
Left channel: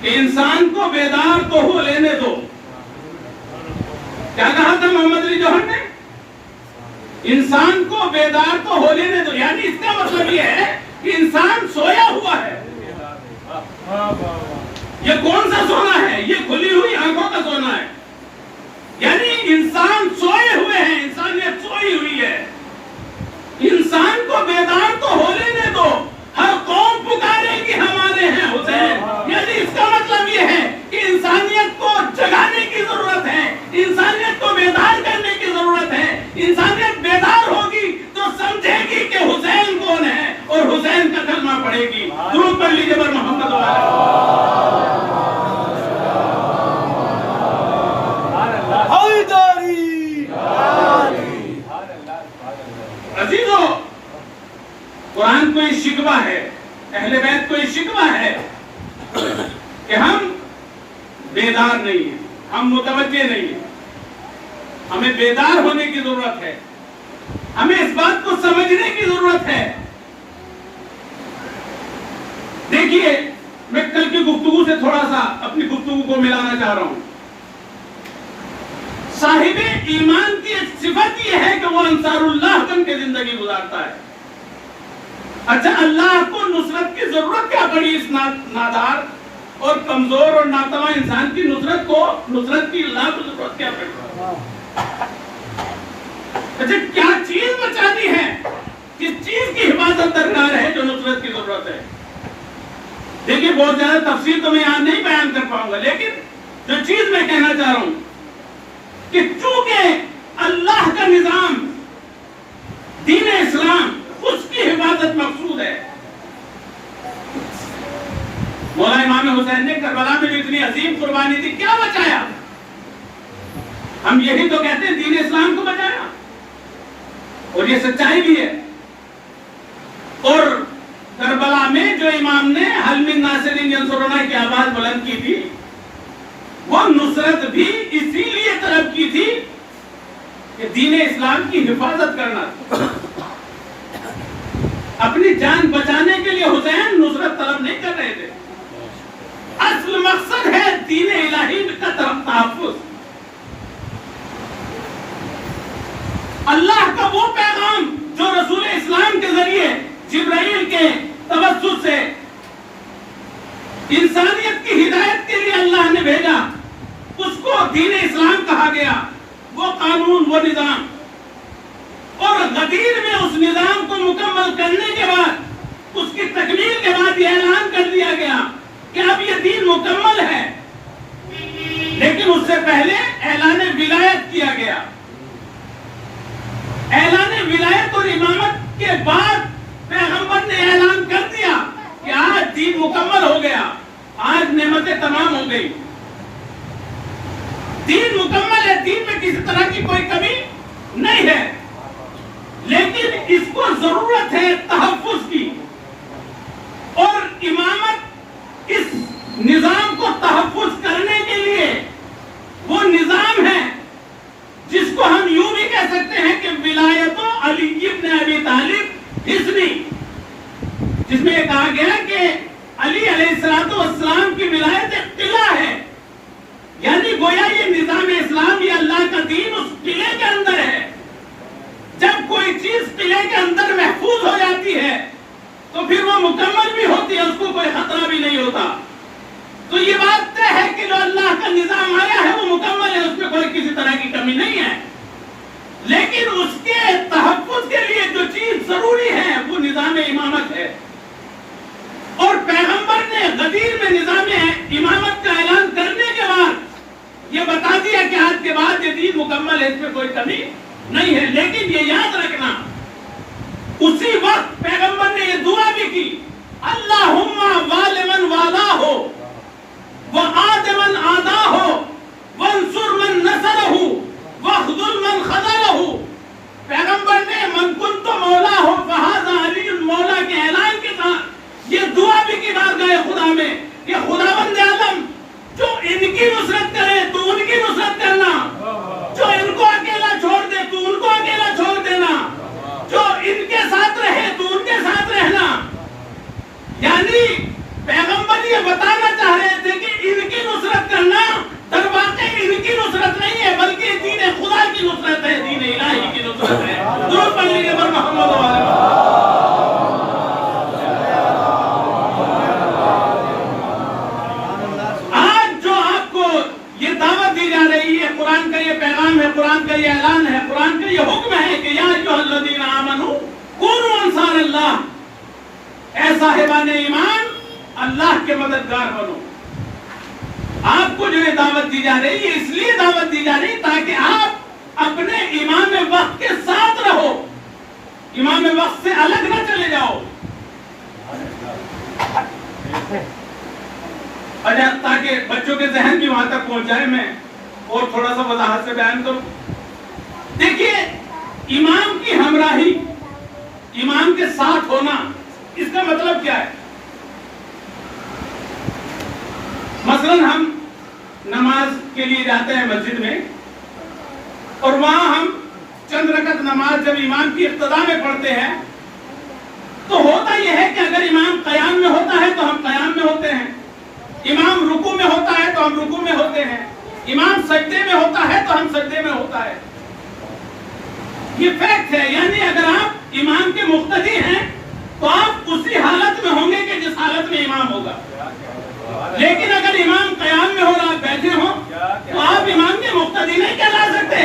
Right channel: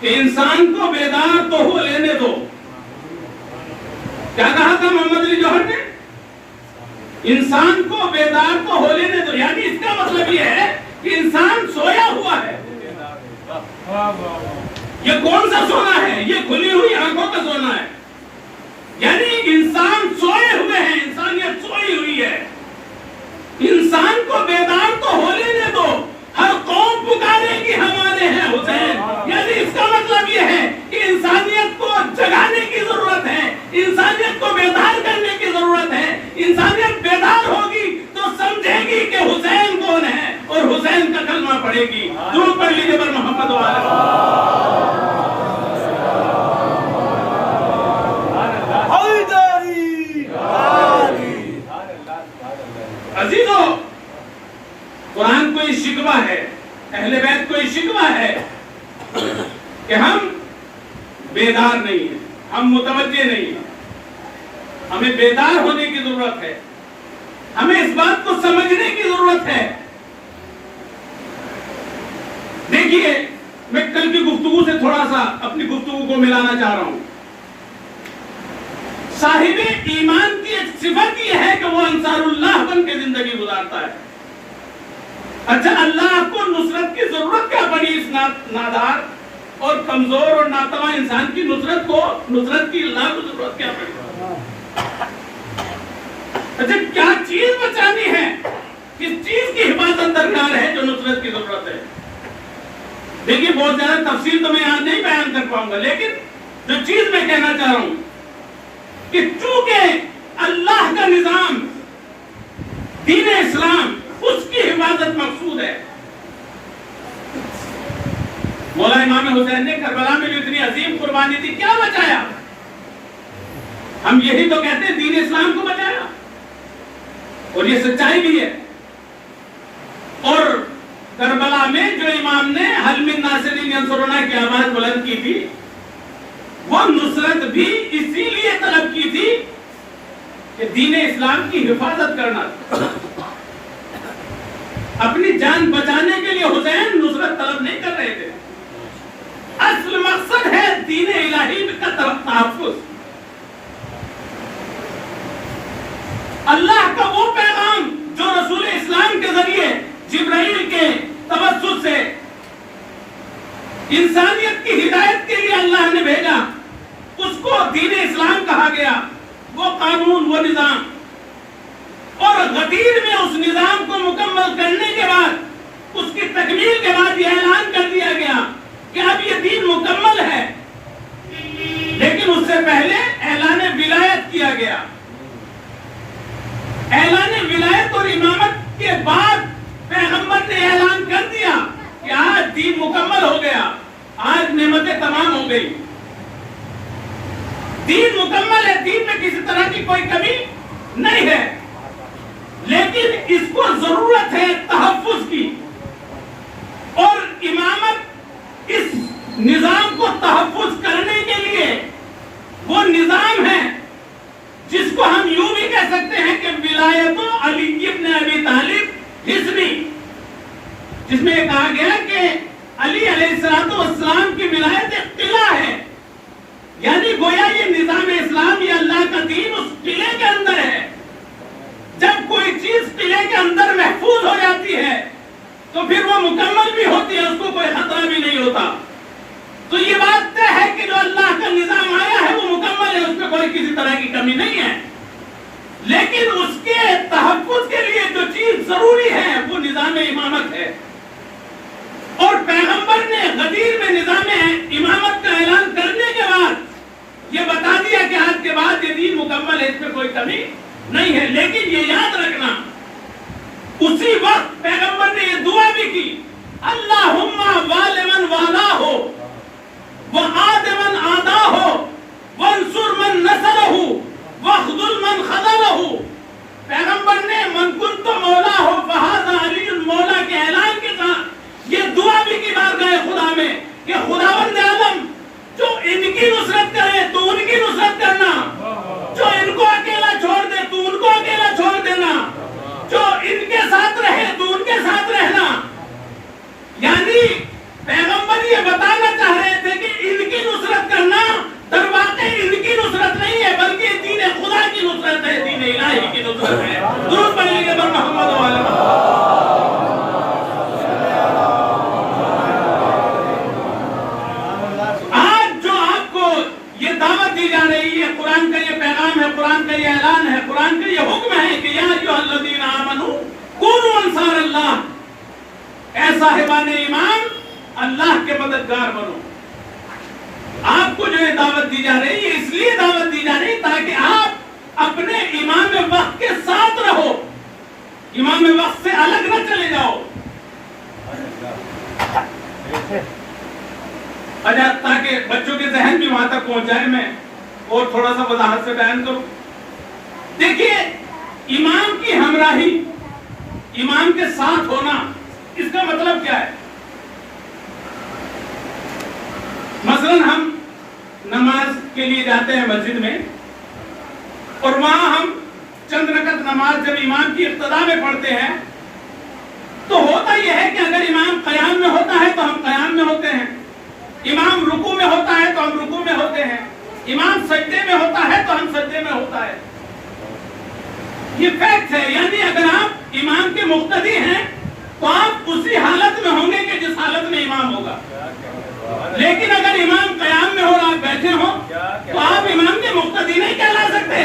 کہ انسان کو بیدار تو ہو لینے دو. کیا کہا تھا محمد علی جوہر نے؟ انسان کو بیدار تو ہو لینے دو. یعنی اس کا مطلب یہ ہے کہ انسان سویا ہوا ہے. یہ کون سا سونا ہے؟ یہ کھلی ہوئی آنکھوں کا سونا ہے. یعنی انسان سوئے ہوئے ہیں، انسانیت سوئی ہوئی ہے. انسان کو بیدار تو ہو لینے دو. ہر قوم پکارے گی ہمارے ہیں حسین. یعنی اس کا مطلب یہ ہے کہ انسانیت کو جگانے کی ضرورت ہے، انسانیت کو بیدار کرنے کی ضرورت ہے. انسانیت بیدار ہوگی تو سمجھے گی کہ حسین کون ہے اور حسین کا کلمہ پڑھے گی. درود پڑھ لیجیے بر محمد و عزیزو، قرآن کو یہ شکوہ ہے، اہل بیت کو یہ شکوہ ہے کہ ہم بیدار نہیں ہیں، ہم متوجہ نہیں ہیں. ہمیں بیدار ہونے کی ضرورت ہے، ہمیں اس بات کو سمجھنے کی ضرورت ہے. دیکھیے میں کل کی گفتگو سے تھوڑا سا اپنی گفتگو کو ملانا چاہ رہا ہوں. صاحب ایمان کی ایک صفت یہ ہے کہ وہ انصار اللہ بن کے زندگی گزارتا ہے. اچھا اللہ کو نصرت کی ضرورت کیا پڑی اس نادار اور کمزور اور ناتواں انسان کی نصرت کی اللہ کو ضرورت کیا پڑی؟ اچھا کیا چیز بچانی ہے دیکھیے بہت زیادہ تفصیل تو میں یہاں نہیں بیان کر پاؤں گا، لیکن جو چیز میں کہنا چاہ رہا ہوں کہ چونکہ اللہ کا نظام دین اسلام اس کی حفاظت مقصود ہے. مولا امام حسین نے کربلا میں جو اتنی عظیم قربانی دی کیا بچایا؟ ہم یہی تو کہتے ہیں دین اسلام کو بچایا، اور یہ سچائی بھی ہے. اور کربلا میں جو امام نے حل من ناصرین ینصرنا کی آواز بلند کی تھی، وہ نصرت بھی اسی لیے طلب کی تھی کہ دین اسلام کی حفاظت کرنا. اپنی جان بچانے کے لیے حسین نصرت طلب نہیں کر رہے تھے، اصل مقصد ہے دین الہی کا طرف تحفظ. اللہ کا وہ پیغام جو رسول اسلام کے ذریعے جبرائیل کے توسط سے انسانیت کی ہدایت کے لیے اللہ نے بھیجا، اس کو دین اسلام کہا گیا. وہ قانون، وہ نظام، اور غدیر میں اس نظام کو مکمل کرنے کے بعد، اس کی تکمیل کے بعد یہ اعلان کر دیا گیا کہ اب یہ دین مکمل ہے. لیکن اس سے پہلے اعلان ولایت کیا گیا. اعلان ولایت اور امامت کے بعد پیغمبر نے اعلان کر دیا کہ آج دین مکمل ہو گیا، آج نعمتیں تمام ہو گئی، دین مکمل ہے، دین میں کسی طرح کی کوئی کمی نہیں ہے. لیکن اس کو ضرورت ہے تحفظ کی، اور امامت اس نظام کو تحفظ کرنے کے لیے وہ نظام ہے جس کو ہم یوں بھی کہہ سکتے ہیں کہ ولایت علی ابن ابی طالب حصنی، جس میں کہا گیا کہ علی علیہ السلام کی ولایت ایک قلعہ ہے. یعنی گویا یہ نظام اسلام، یہ اللہ کا دین اس قلعے کے اندر ہے. جب کوئی چیز قلعے کے اندر محفوظ ہو جاتی ہے تو پھر وہ مکمل بھی ہوتی ہے، اس کو کوئی خطرہ بھی نہیں ہوتا. تو یہ بات طے ہے کہ جو اللہ کا نظام آیا ہے وہ مکمل ہے، اس میں کوئی کسی طرح کی کمی نہیں ہے. لیکن اس کے تحفظ کے لیے جو چیز ضروری ہے وہ نظام امامت ہے. اور پیغمبر نے غدیر میں نظام امامت کا اعلان کرنے کے بعد یہ بتا دیا کہ آج کے بعد یہ دین مکمل ہے، اس میں کوئی کمی نہیں ہے. لیکن یہ یاد رکھنا، اسی وقت پیغمبر نے یہ دعا بھی کی، اللہم والمن والا ہو وعاد من آدا ہو وانصر من نصرہ واخذل من خذلہ. پیغمبر نے من کنت مولا ہو فہذا علی مولا کے اعلان کے ساتھ یہ دعا بھی کی بارگاہ خدا میں کہ خداوند عالم جو ان کی نصرت کرے تو ان کی نصرت کرنا، جو ان کو اکیلا چھوڑ دے تو ان کو اکیلا چھوڑ دینا، جو ان کے ساتھ رہے تو ان کے ساتھ رہنا. یعنی پیغمبر یہ بتانا چاہ رہے تھے کہ ان کی نصرت کرنا در واقع ان کی نصرت نہیں ہے، بلکہ دین خدا کی نصرت ہے، دین الہی کی نصرت ہے. درود پڑھ لیجیے پر محمد و علیہ. آج جو آپ کو یہ دعوت دی جا رہی ہے، قرآن کا یہ پیغام ہے، قرآن کا یہ اعلان ہے، قرآن کا یہ حکم ہے کہ یا ایھا الذین آمنوا کونوا انصار اللہ، اے صاحبان ایمان اللہ کے مددگار بنو. آپ کو جو یہ دعوت دی جا رہی ہے، اس لیے دعوت دی جا رہی ہے تاکہ آپ اپنے امام وقت کے ساتھ رہو، امام وقت سے الگ نہ چلے جاؤ. اچھا، تاکہ بچوں کے ذہن بھی وہاں تک پہنچ جائے، میں اور تھوڑا سا وضاحت سے بیان کروں. دیکھیے، امام کی ہمراہی، امام کے ساتھ ہونا، اس کا مطلب کیا ہے؟ مثلا ہم نماز کے لیے جاتے ہیں مسجد میں، اور وہاں ہم چند رکعت نماز جب امام کی ابتدا میں پڑھتے ہیں تو ہوتا یہ ہے کہ اگر امام قیام میں ہوتا ہے تو ہم قیام میں ہوتے ہیں، امام رکوع میں ہوتا ہے تو ہم رکوع میں ہوتے ہیں، امام سجدے میں ہوتا ہے تو ہم سجدے میں ہوتا ہے. یہ فیکٹ ہے. یعنی اگر آپ امام کے مقتدی ہیں تو آپ اسی حالت میں ہوں گے کہ جس حالت میں امام ہوگا. لیکن اگر امام قیام میں ہو اور آپ بیٹھے ہوں تو آپ امام کے مقتدی نہیں کہلا سکتے.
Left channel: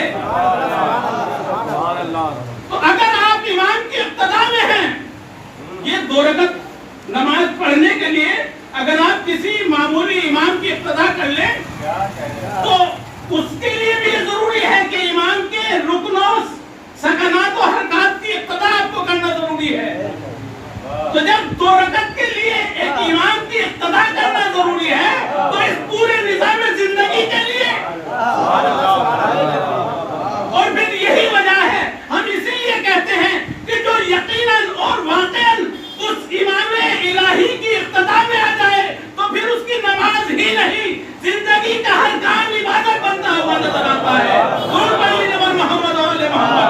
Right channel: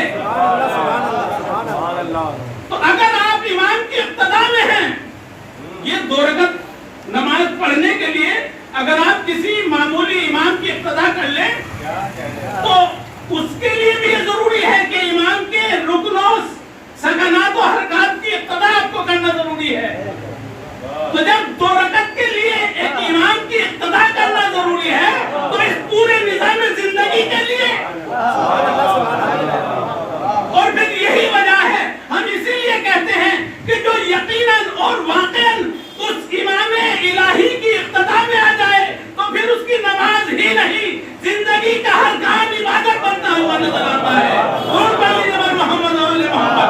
تو اگر آپ امام کی ابتدا میں ہیں، یہ 2 رکعت نماز پڑھنے کے لیے اگر نہیں زندگی کا ہر کام عبادت بنتا ہوا نظر آتا ہے. قربانی جناب محمد اور آل محمد.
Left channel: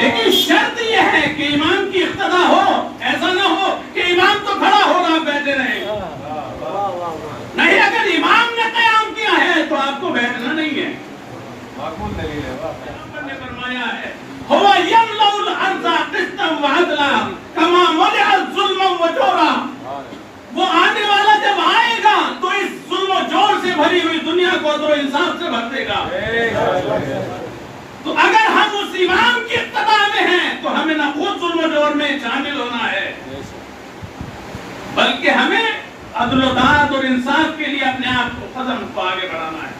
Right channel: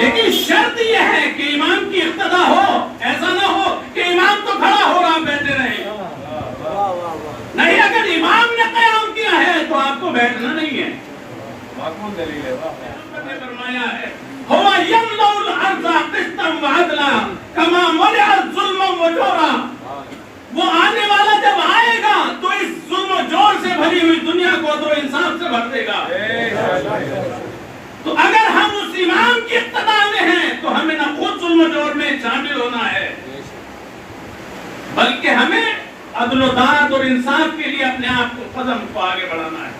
لیکن شرط یہ ہے کہ امام کی اقتدا ہو. ایسا نہ ہو کہ امام تو کھڑا ہو رہا بیٹھے رہیں. نہیں, اگر امام نے قیام کیا ہے تو آپ کو بیٹھنا نہیں ہے. نے فرمایا ہے هو يملأ الارض قسطا وعدلا كما ملئت ظلما وجورا. وہ آنے والا جب آئے گا تو اس ظلم و جور سے بھری ہوئی دنیا کو عدل و انصاف سے بھر دے گا. تو اگر ہم اس امام کی اقتدا میں ہیں تو ہمیں نہ خود ظلم و جور میں شامل ہونا ہے, بلکہ ہمیں عدل و داد اور انصاف کے لیے اپنے آپ کو قدم کو آگے بڑھانا ہے.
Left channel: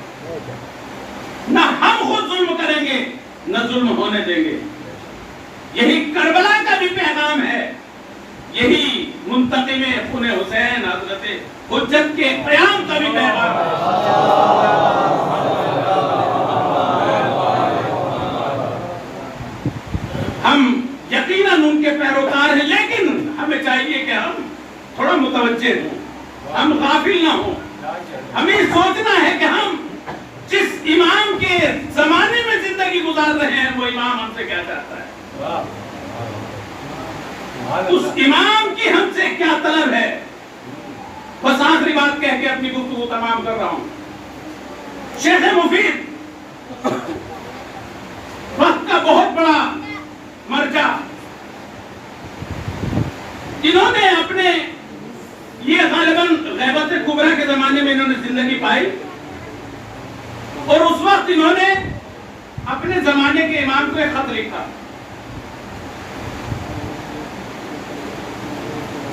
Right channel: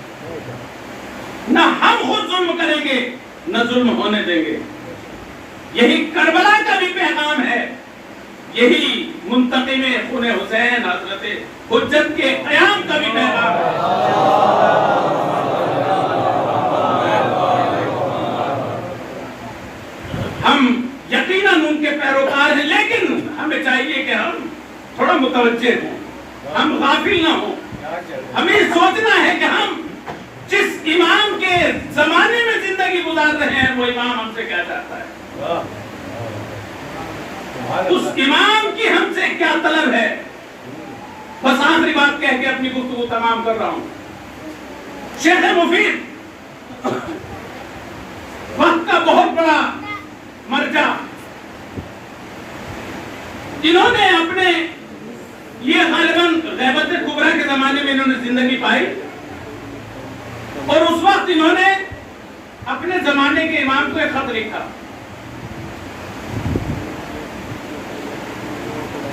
نہ ہم خود ظلم کریں گے نہ ظلم ہونے دیں گے. یہی کربلا کا بھی پیغام ہے, یہی منتقم خون حسین حضرت حجت کے قیام کا بھی پیغام ہے. ہم یقیناً ان کے پیروکار ہیں, لیکن ہمیں چاہیے کہ ہم تھوڑا متوجہ ہوں, ہم غافل نہ ہوں. ہمیں سوچنا ہے کہ ہم جس امام کے زمانے میں زندگی گزار رہے ہیں وہ امام ہم سے کیا چاہتا ہے, اس امام کی ہم سے کیا طلب ہے. بس آخری بات کہہ کے اپنی گفتگو تمام کر رہا ہوں. شیخ مفید وقت کا بہت بڑا مرجع, انہوں نے اپنے یہ غالباً غیبت کبریٰ کے زمانے میں انہوں نے زندگی پائی, اور اس وقت انہوں نے اپنے زمانے کے امام کو ایک خط لکھا.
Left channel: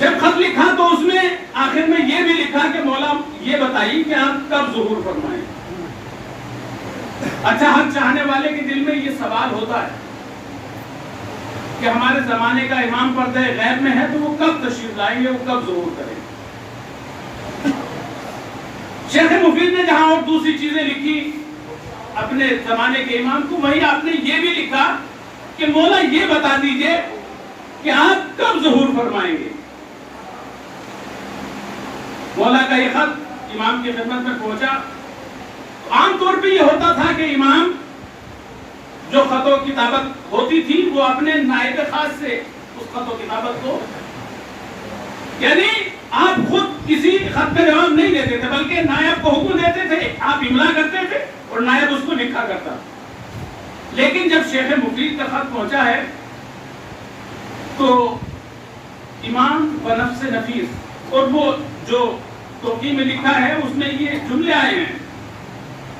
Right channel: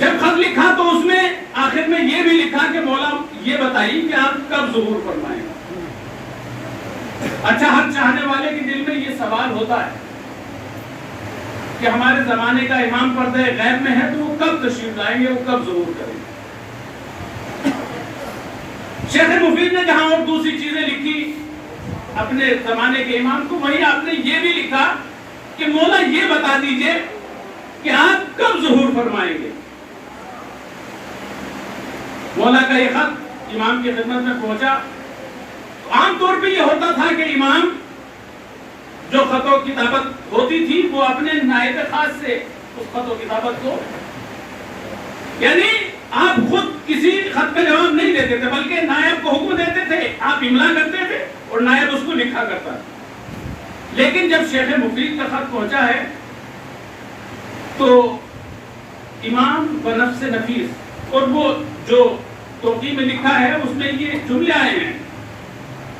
جب خط لکھا تو اس میں آخر میں یہ بھی لکھا کہ مولا یہ بتائیے کہ آپ کب ظہور فرمائیں. اچھا, ہر چاہنے والے کے دل میں یہ سوال ہوتا ہے کہ ہمارے زمانے کا امام پردہ غیب میں ہے تو وہ کب تشریف لائیں گے, وہ کب ظہور کریں گے. شیخ مفید نے جہاں اور دوسری چیزیں لکھی اپنے زمانے کے امام کو, وہی آپ نے یہ بھی لکھا کہ مولا یہ بتا دیجئے کہ آپ کب ظہور فرمائیں گے. مولا کا یہ خط امام کی خدمت میں پہنچا. عام طور پہ یہ ہوتا تھا کہ امام جو خط و کتابت ہوتی تھی وہ اپنے نائب خاص سے اس خط و کتابت کو, یعنی آپ خود کسی خط کا جواب نہیں دیتے تھے بلکہ نائب کو حکم دیتے تھے, آپ املا کرتے تھے اور نائب اس کو لکھا کرتا. لیکن جب شیخ مفید کا خط پہنچا ہے تو امام بنفس نفیس, اور وہ جو توقی میں لکھا ہے اس میں یہ جملے آئے ہیں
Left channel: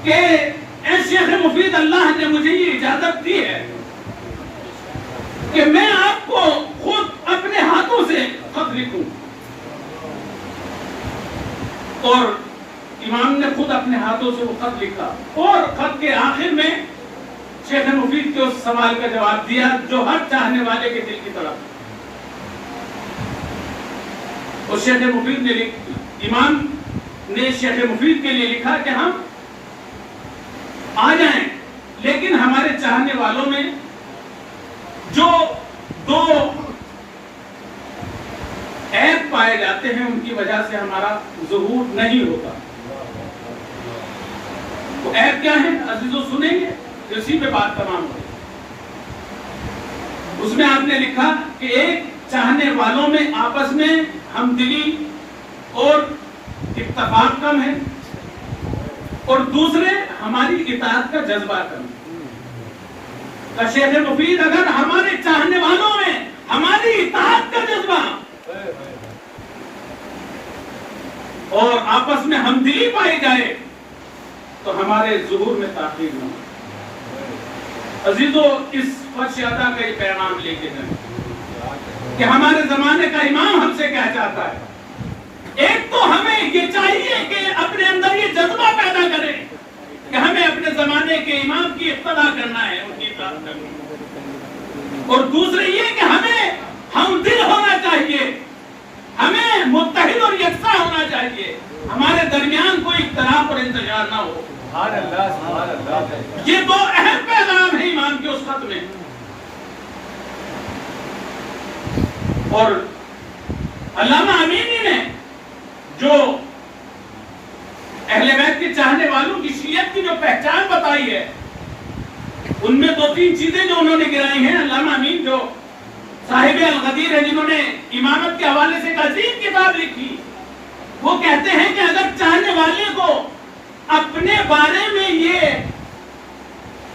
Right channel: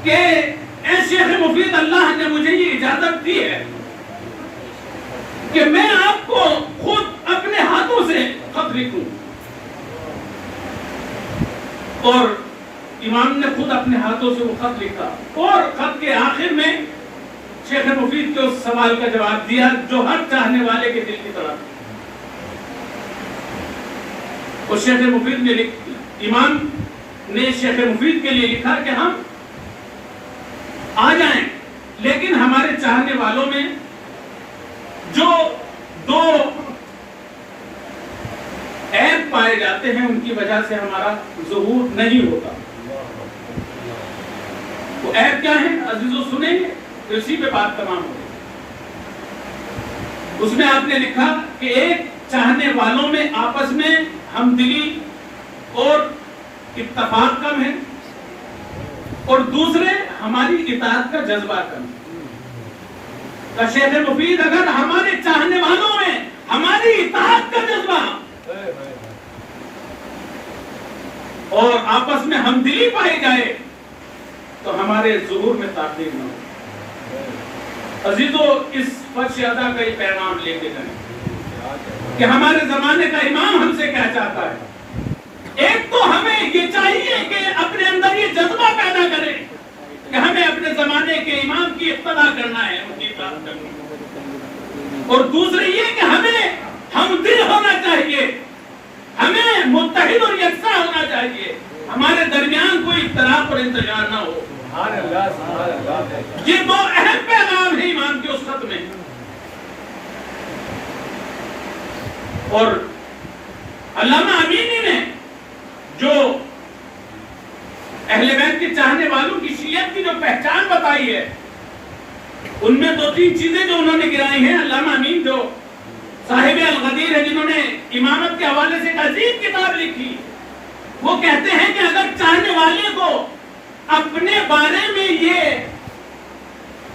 کہ اے شیخ مفید, اللہ نے مجھے یہ اجازت دی ہے کہ میں آپ کو خود اپنے ہاتھوں سے خط لکھوں. اور امام نے خود اپنے ہاتھوں سے وہ خط لکھا, اور خط کے آخر میں شیخ مفید کے اس سوال کا جواب دیا جو ہر چاہنے والے کے دل کی طرح. اور شیخ مفید نے امام نے شیخ مفید کے لیے لکھا کہ ہم آ جائیں, لیکن ہمارے چاہنے والوں میں جو دو عیب پائے جاتے ہیں ان کی وجہ سے ہمارا ظہور نہیں ہوتا. وہ عیب کیا ہے عزیزو, سنیں گے اسی پہ بات تمام ہو. اس میں آپ نے لکھا کہ ایک چاہنے والوں میں آپس میں ہم دلی اور اتفاق کم ہے, اور دوسرے ہماری اطاعت کا جذبہ کم. شیخ مفید, اگر ہمارے چاہنے والوں میں ہماری اطاعت کا جذبہ اور آپس میں ہمدلی پائی جائے تو ہمارے ظہور میں تاخیر ہو. عزیزو, اس فرش ادا کا یہ پیغام لے کے جائیں کہ ہمارے زمانے کا امام ہم سے کیا چاہتا ہے. ایک تو ہمیں یہ چاہیے کہ اپنے اندر یہ جذبہ پیدا کرے کہ ہمیں اپنے زمانے کے امام کی اقتدا کرنا ہے, ان کی اطاعت کرنا ہے. اور دوسرے یہ کہ ہمیں ہم دل ہونا چاہیے, ہمیں متحد اور یکساں ہونا چاہیے, ہمارے درمیان کوئی اختلاف اور انتشار نہ ہو. سبحان اللہ, سبحان اللہ. یہ دو اہم پیغام ہیں امام کے اس خط میں. اور علامہ امینی نے جو اہل بیت کے چاہنے والوں کی شیعت کی جو پہچان بتائی ہے، ان میں 2-3 چیزیں جو انہوں نے گرائی ہیں. علامہ امین جو صاحب الغدیر ہے، جنہوں نے امامت کے حوالے سے ایک عظیم کتاب لکھی، وہ کہتے ہیں کہ اگر چاہنے والے کو اپنے بارے میں یہ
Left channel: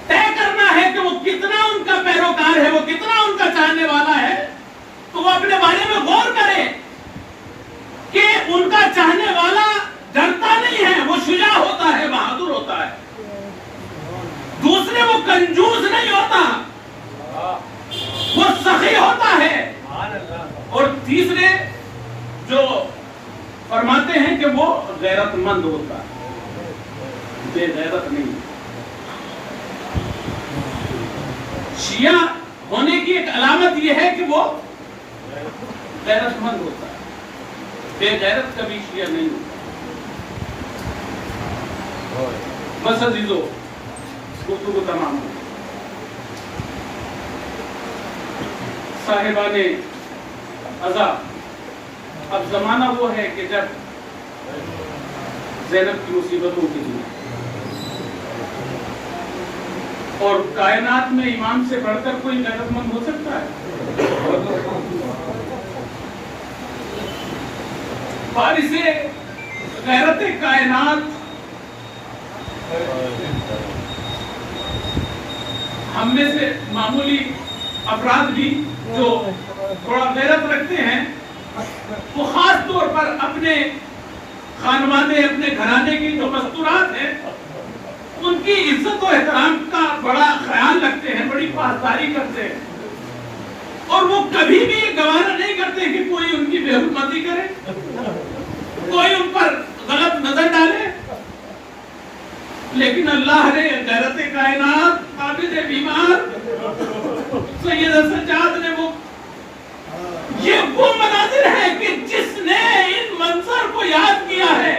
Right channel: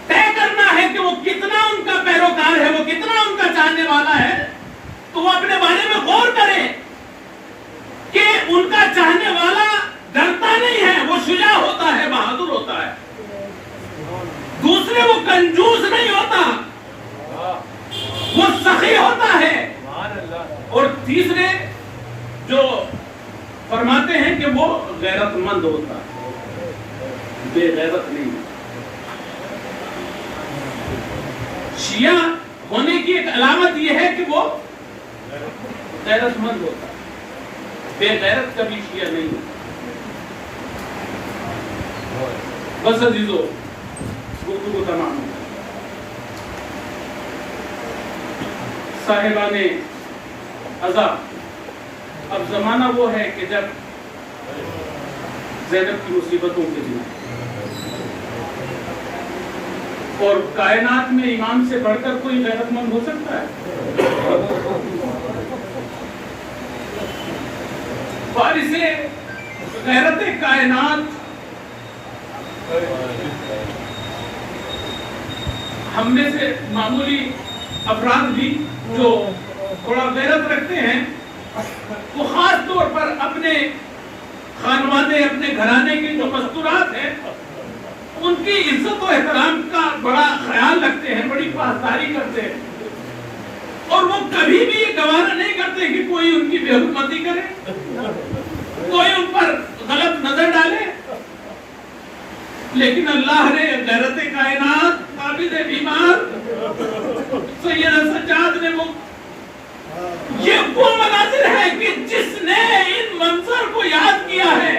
طے کرنا ہے کہ وہ کتنا ان کا پیروکار ہے، وہ کتنا ان کا چاہنے والا ہے، تو وہ اپنے بارے میں غور کرے کہ ان کا چاہنے والا ڈرتا نہیں ہے، وہ شجاع ہوتا ہے، بہادر ہوتا ہے. دوسرے، وہ کنجوس نہیں ہوتا، وہ سخی ہوتا ہے. اور تیسرے جو فرماتے ہیں کہ وہ غیرت مند ہوتا ہے، بے غیرت نہیں. شیعہ ہونے کی ایک علامت یہ ہے کہ وہ غیرت مند ہوتا ہے، بے غیرت کبھی شیعہ نہیں ہوتا. بس عزیزو، گفتگو تمام ہو. صاحبان عزا، اب زمانہ وہ ہے کہ جب زینب کی مصیبتوں کے دن اور کائنات میں امام سے بڑھ کر کوئی غیرت مند ہو سکتا ہے؟ فارس غیرت کائنات ہم میں سے معمولی افراد بھی جو تھوڑا غیرت رکھتے ہیں، وہ خاص طور پر اپنے خانوادے، اپنے گھرانے کی جو مستورات ہیں، ان کی عزت و احترام کا بڑا خیال رکھتے ہیں، بڑی پاسداری کرتے ہیں، اور وہ کبھی بھی یہ گوارا نہیں کرتے کہ کوئی ان کی بے حرمتی کرے، کوئی ان پر غلط نظر ڈالے. لیکن اللہ نے غیرت کائنات، عابد بیمار سید سجاد نے وہ مناظر ہے کہ جس نے ان منظر کو یاد کیا ہے.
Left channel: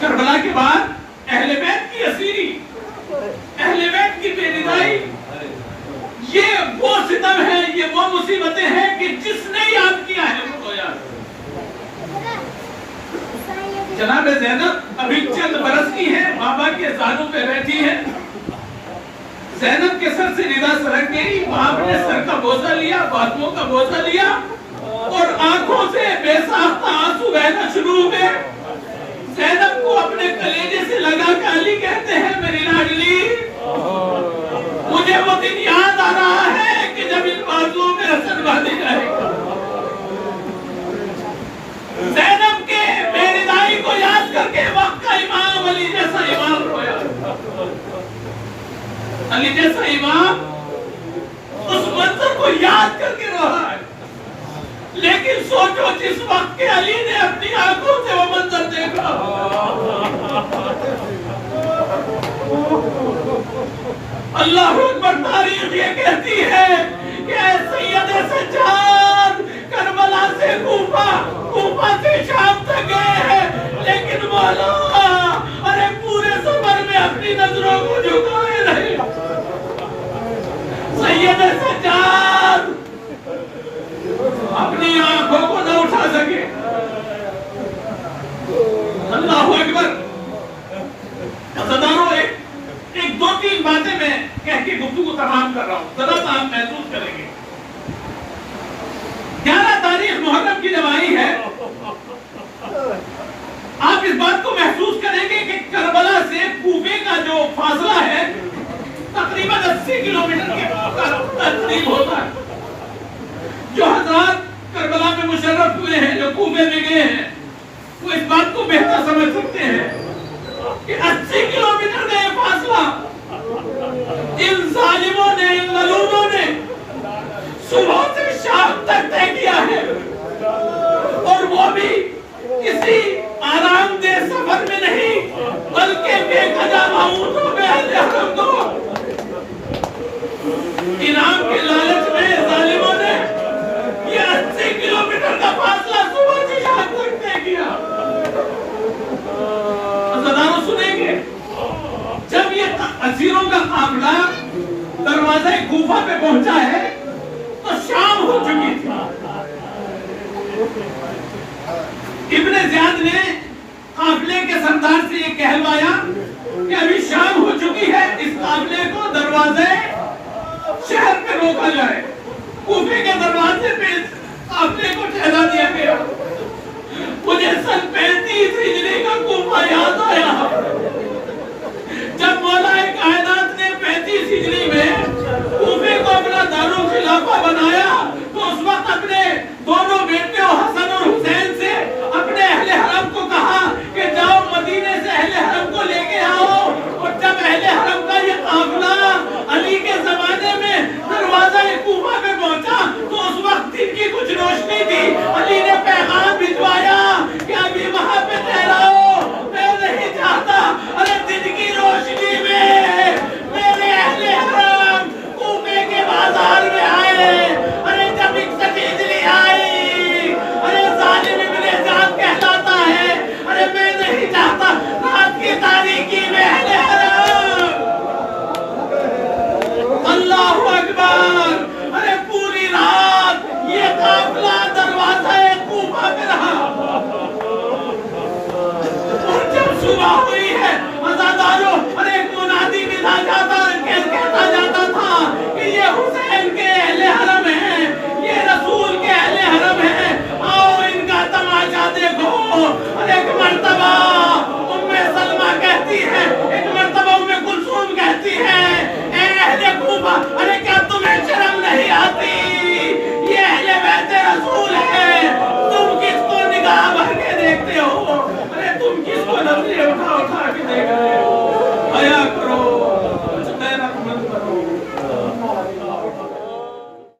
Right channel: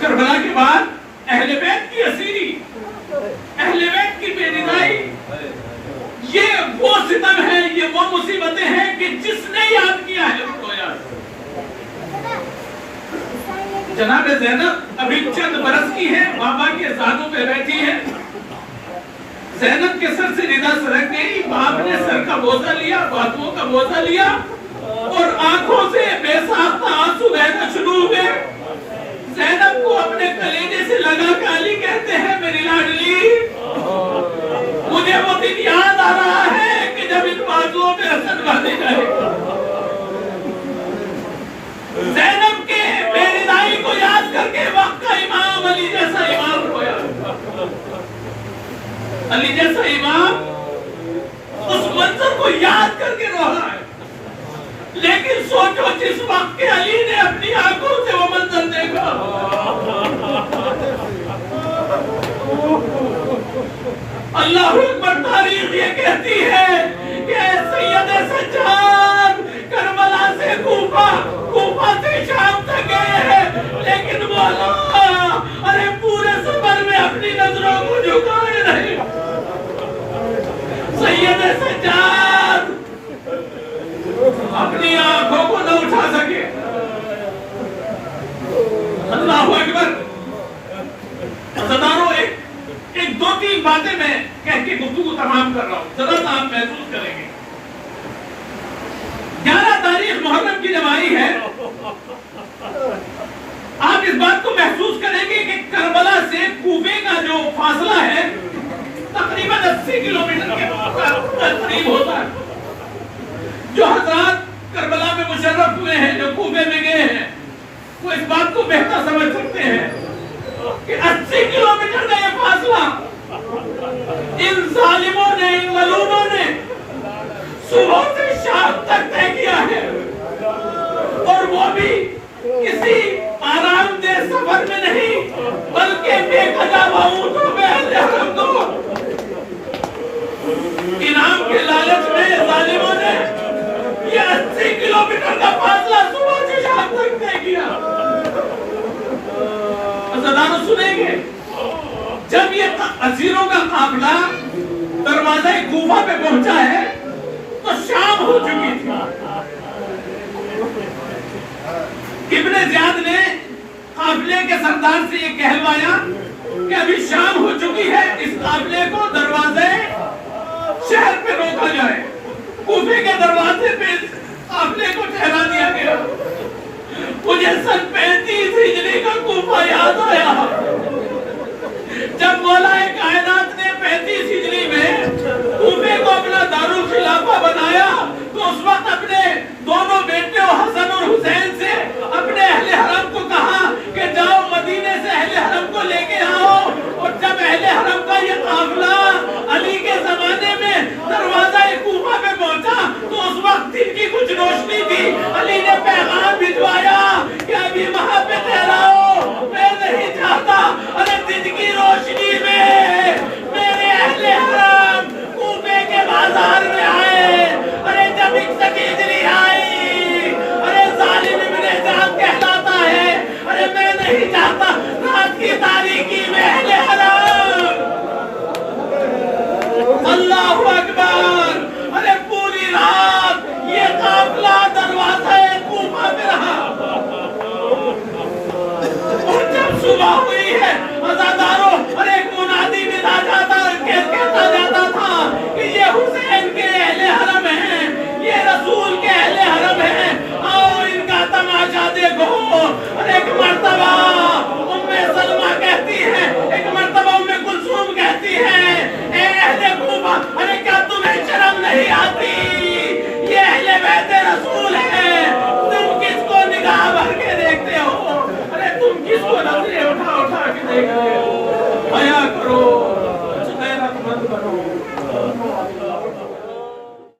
کربلا کے بعد اہل بیت کی اسیری، اہل بیت کی بے رضائی، یہ وہ ستم ہے، یہ وہ مصیبتیں ہیں کہ جس نے یاد کیا ہے اس کو یاد. جناب زینب ابھی چند برس کی ہے، بابا کے زانوں پہ بیٹھی ہے. زینب کے سر سے ردا سرک گئی، باپ نے سر کا بوجھا لیا، باتوں کا بوجھا لیا، اور آنکھوں سے بے ساختہ آنسو بہنا شروع ہوئے. زینب کو اپنے کلیجے سے لگا کے علی کہتے ہیں، میری لاڈلی، مجھے وہ دن یاد آ رہا ہے کہ جب ان بازوؤں میں حسن باندھی جائے گا. زینب کے بے رضائی کو یاد کر کے وقت کا امام علی جیسا امام رویا. علی جیسا امام اس منظر کو یاد کر کے رہا ہے. لیکن سوچو جس وقت کے علی نے اپنی آنکھوں سے وہ منظر دیکھا، اللہ اکبر، تاریخ یہ کہتی ہے کہ سید سجاد کربلا سے کوفہ سے شام تک گئے ہیں، لیکن مولا ارے پورے سفر میں اپنی نظروں کو جھکائے رہے. سید سجاد اپنی آنکھوں کو نہ اٹھا سکے. اللہ اکبر. صداروں، ایک 2-3 باتیں میں کہہ کے گفتگو تمام کر رہا ہوں، ذرا سا آپ محسوس کریں گے. 11 تاریخ محرم کی جب آئی ہے، آپ اس بات کو محسوس کریں گے کہ کربلا سے کوفے کا جو فاصلہ ہے تقریباً 80 کلومیٹر کے قریب ہوتا ہے. جو حضرات کربلا میں مشرف ہوئے ہیں، جو کوفے میں گئے ہیں، وہ اس بات کو بہتر سمجھ سکتے ہیں کہ 80 کلومیٹر کا یہ فاصلہ ان ظالموں نے، ان مظلوموں نے صبح سے شام تک طے کیا ہے، اور وہ بھی کسی آرام دہ سفر میں نہیں، بلکہ بے قضا اونٹوں میں اہل حرم کو انعام کے لالچ میں ظالموں نے یہ 80 کلومیٹر کا فاصلہ صبح سے شام تک طے کیا. عزیزانو سنیں گے، جب یہ اسیروں کا قافلہ دروازہ کوفہ پہ پہنچا ہے تو شام ہو چکی تھی۔ ابن زیاد نے قافلے کے سردار سے یہ کہلوایا کہ ابھی شام ہو چکی ہے، اس قافلے کو دروازے شہر پہ روکا جائے۔ کوفے کے دروازے پہ قافلے کو ٹھہرا دیا گیا۔ مجھے سن 35 ہجری کا کوفہ یاد آیا، جب مولا کائنات نے 35 ہجری میں کوفے کو اپنا دارالخلافہ بنایا تو اس وقت اپنے دونوں بیٹوں حسن اور حسین سے اپنے اہل حرم کو کہا کہ جاؤ مدینے سے اہل حرم کو لے کے آؤ۔ اور جب اہل حرم کا یہ قافلہ علی کے زمانے میں دروازہ کوفہ پہ پہنچا تو اس وقت دن کی کچھ روشنی تھی۔ علی نے پیغام بھجوایا کہ ابھی وہاں پہ ٹھہراؤ، میں نہیں چاہتا ارے دن کی روشنی میں میرے اہل حرم کوفے کے بازار میں آئے۔ ارے جب 61 ہجری آئی، ارے ظالم ابن زیاد کہلاتا ہے، ارے میں نہیں چاہتا رات کی تاریکی میں اہل حرم۔ اللہ اکبر، ارے پوری رات یہ قافلہ دروازہ کوفہ پہ رہا۔ اور جب صبح ہوئی ہے عزاداروں، اور ایک منادی ندا جاتا کہتا جاتا تھا کہ یہ حسین کے اہل حرم ہیں، یہ رسول کے اہل حرم ہیں، آؤ ان کا تماشا دیکھو۔ اور ایک مرتبہ سلمہ کہتی ہے، ایک مرتبہ کلثوم کہتی ہے، اے اہل کوفہ، ارے کیا تمہیں شرم نہیں آتی؟ یہ اہل بیت رسول ہے، تم کس کو نگاہ بھر کے دیکھتے ہو؟ ارے تم کس کو نظریں اٹھا اٹھا کے دیکھتے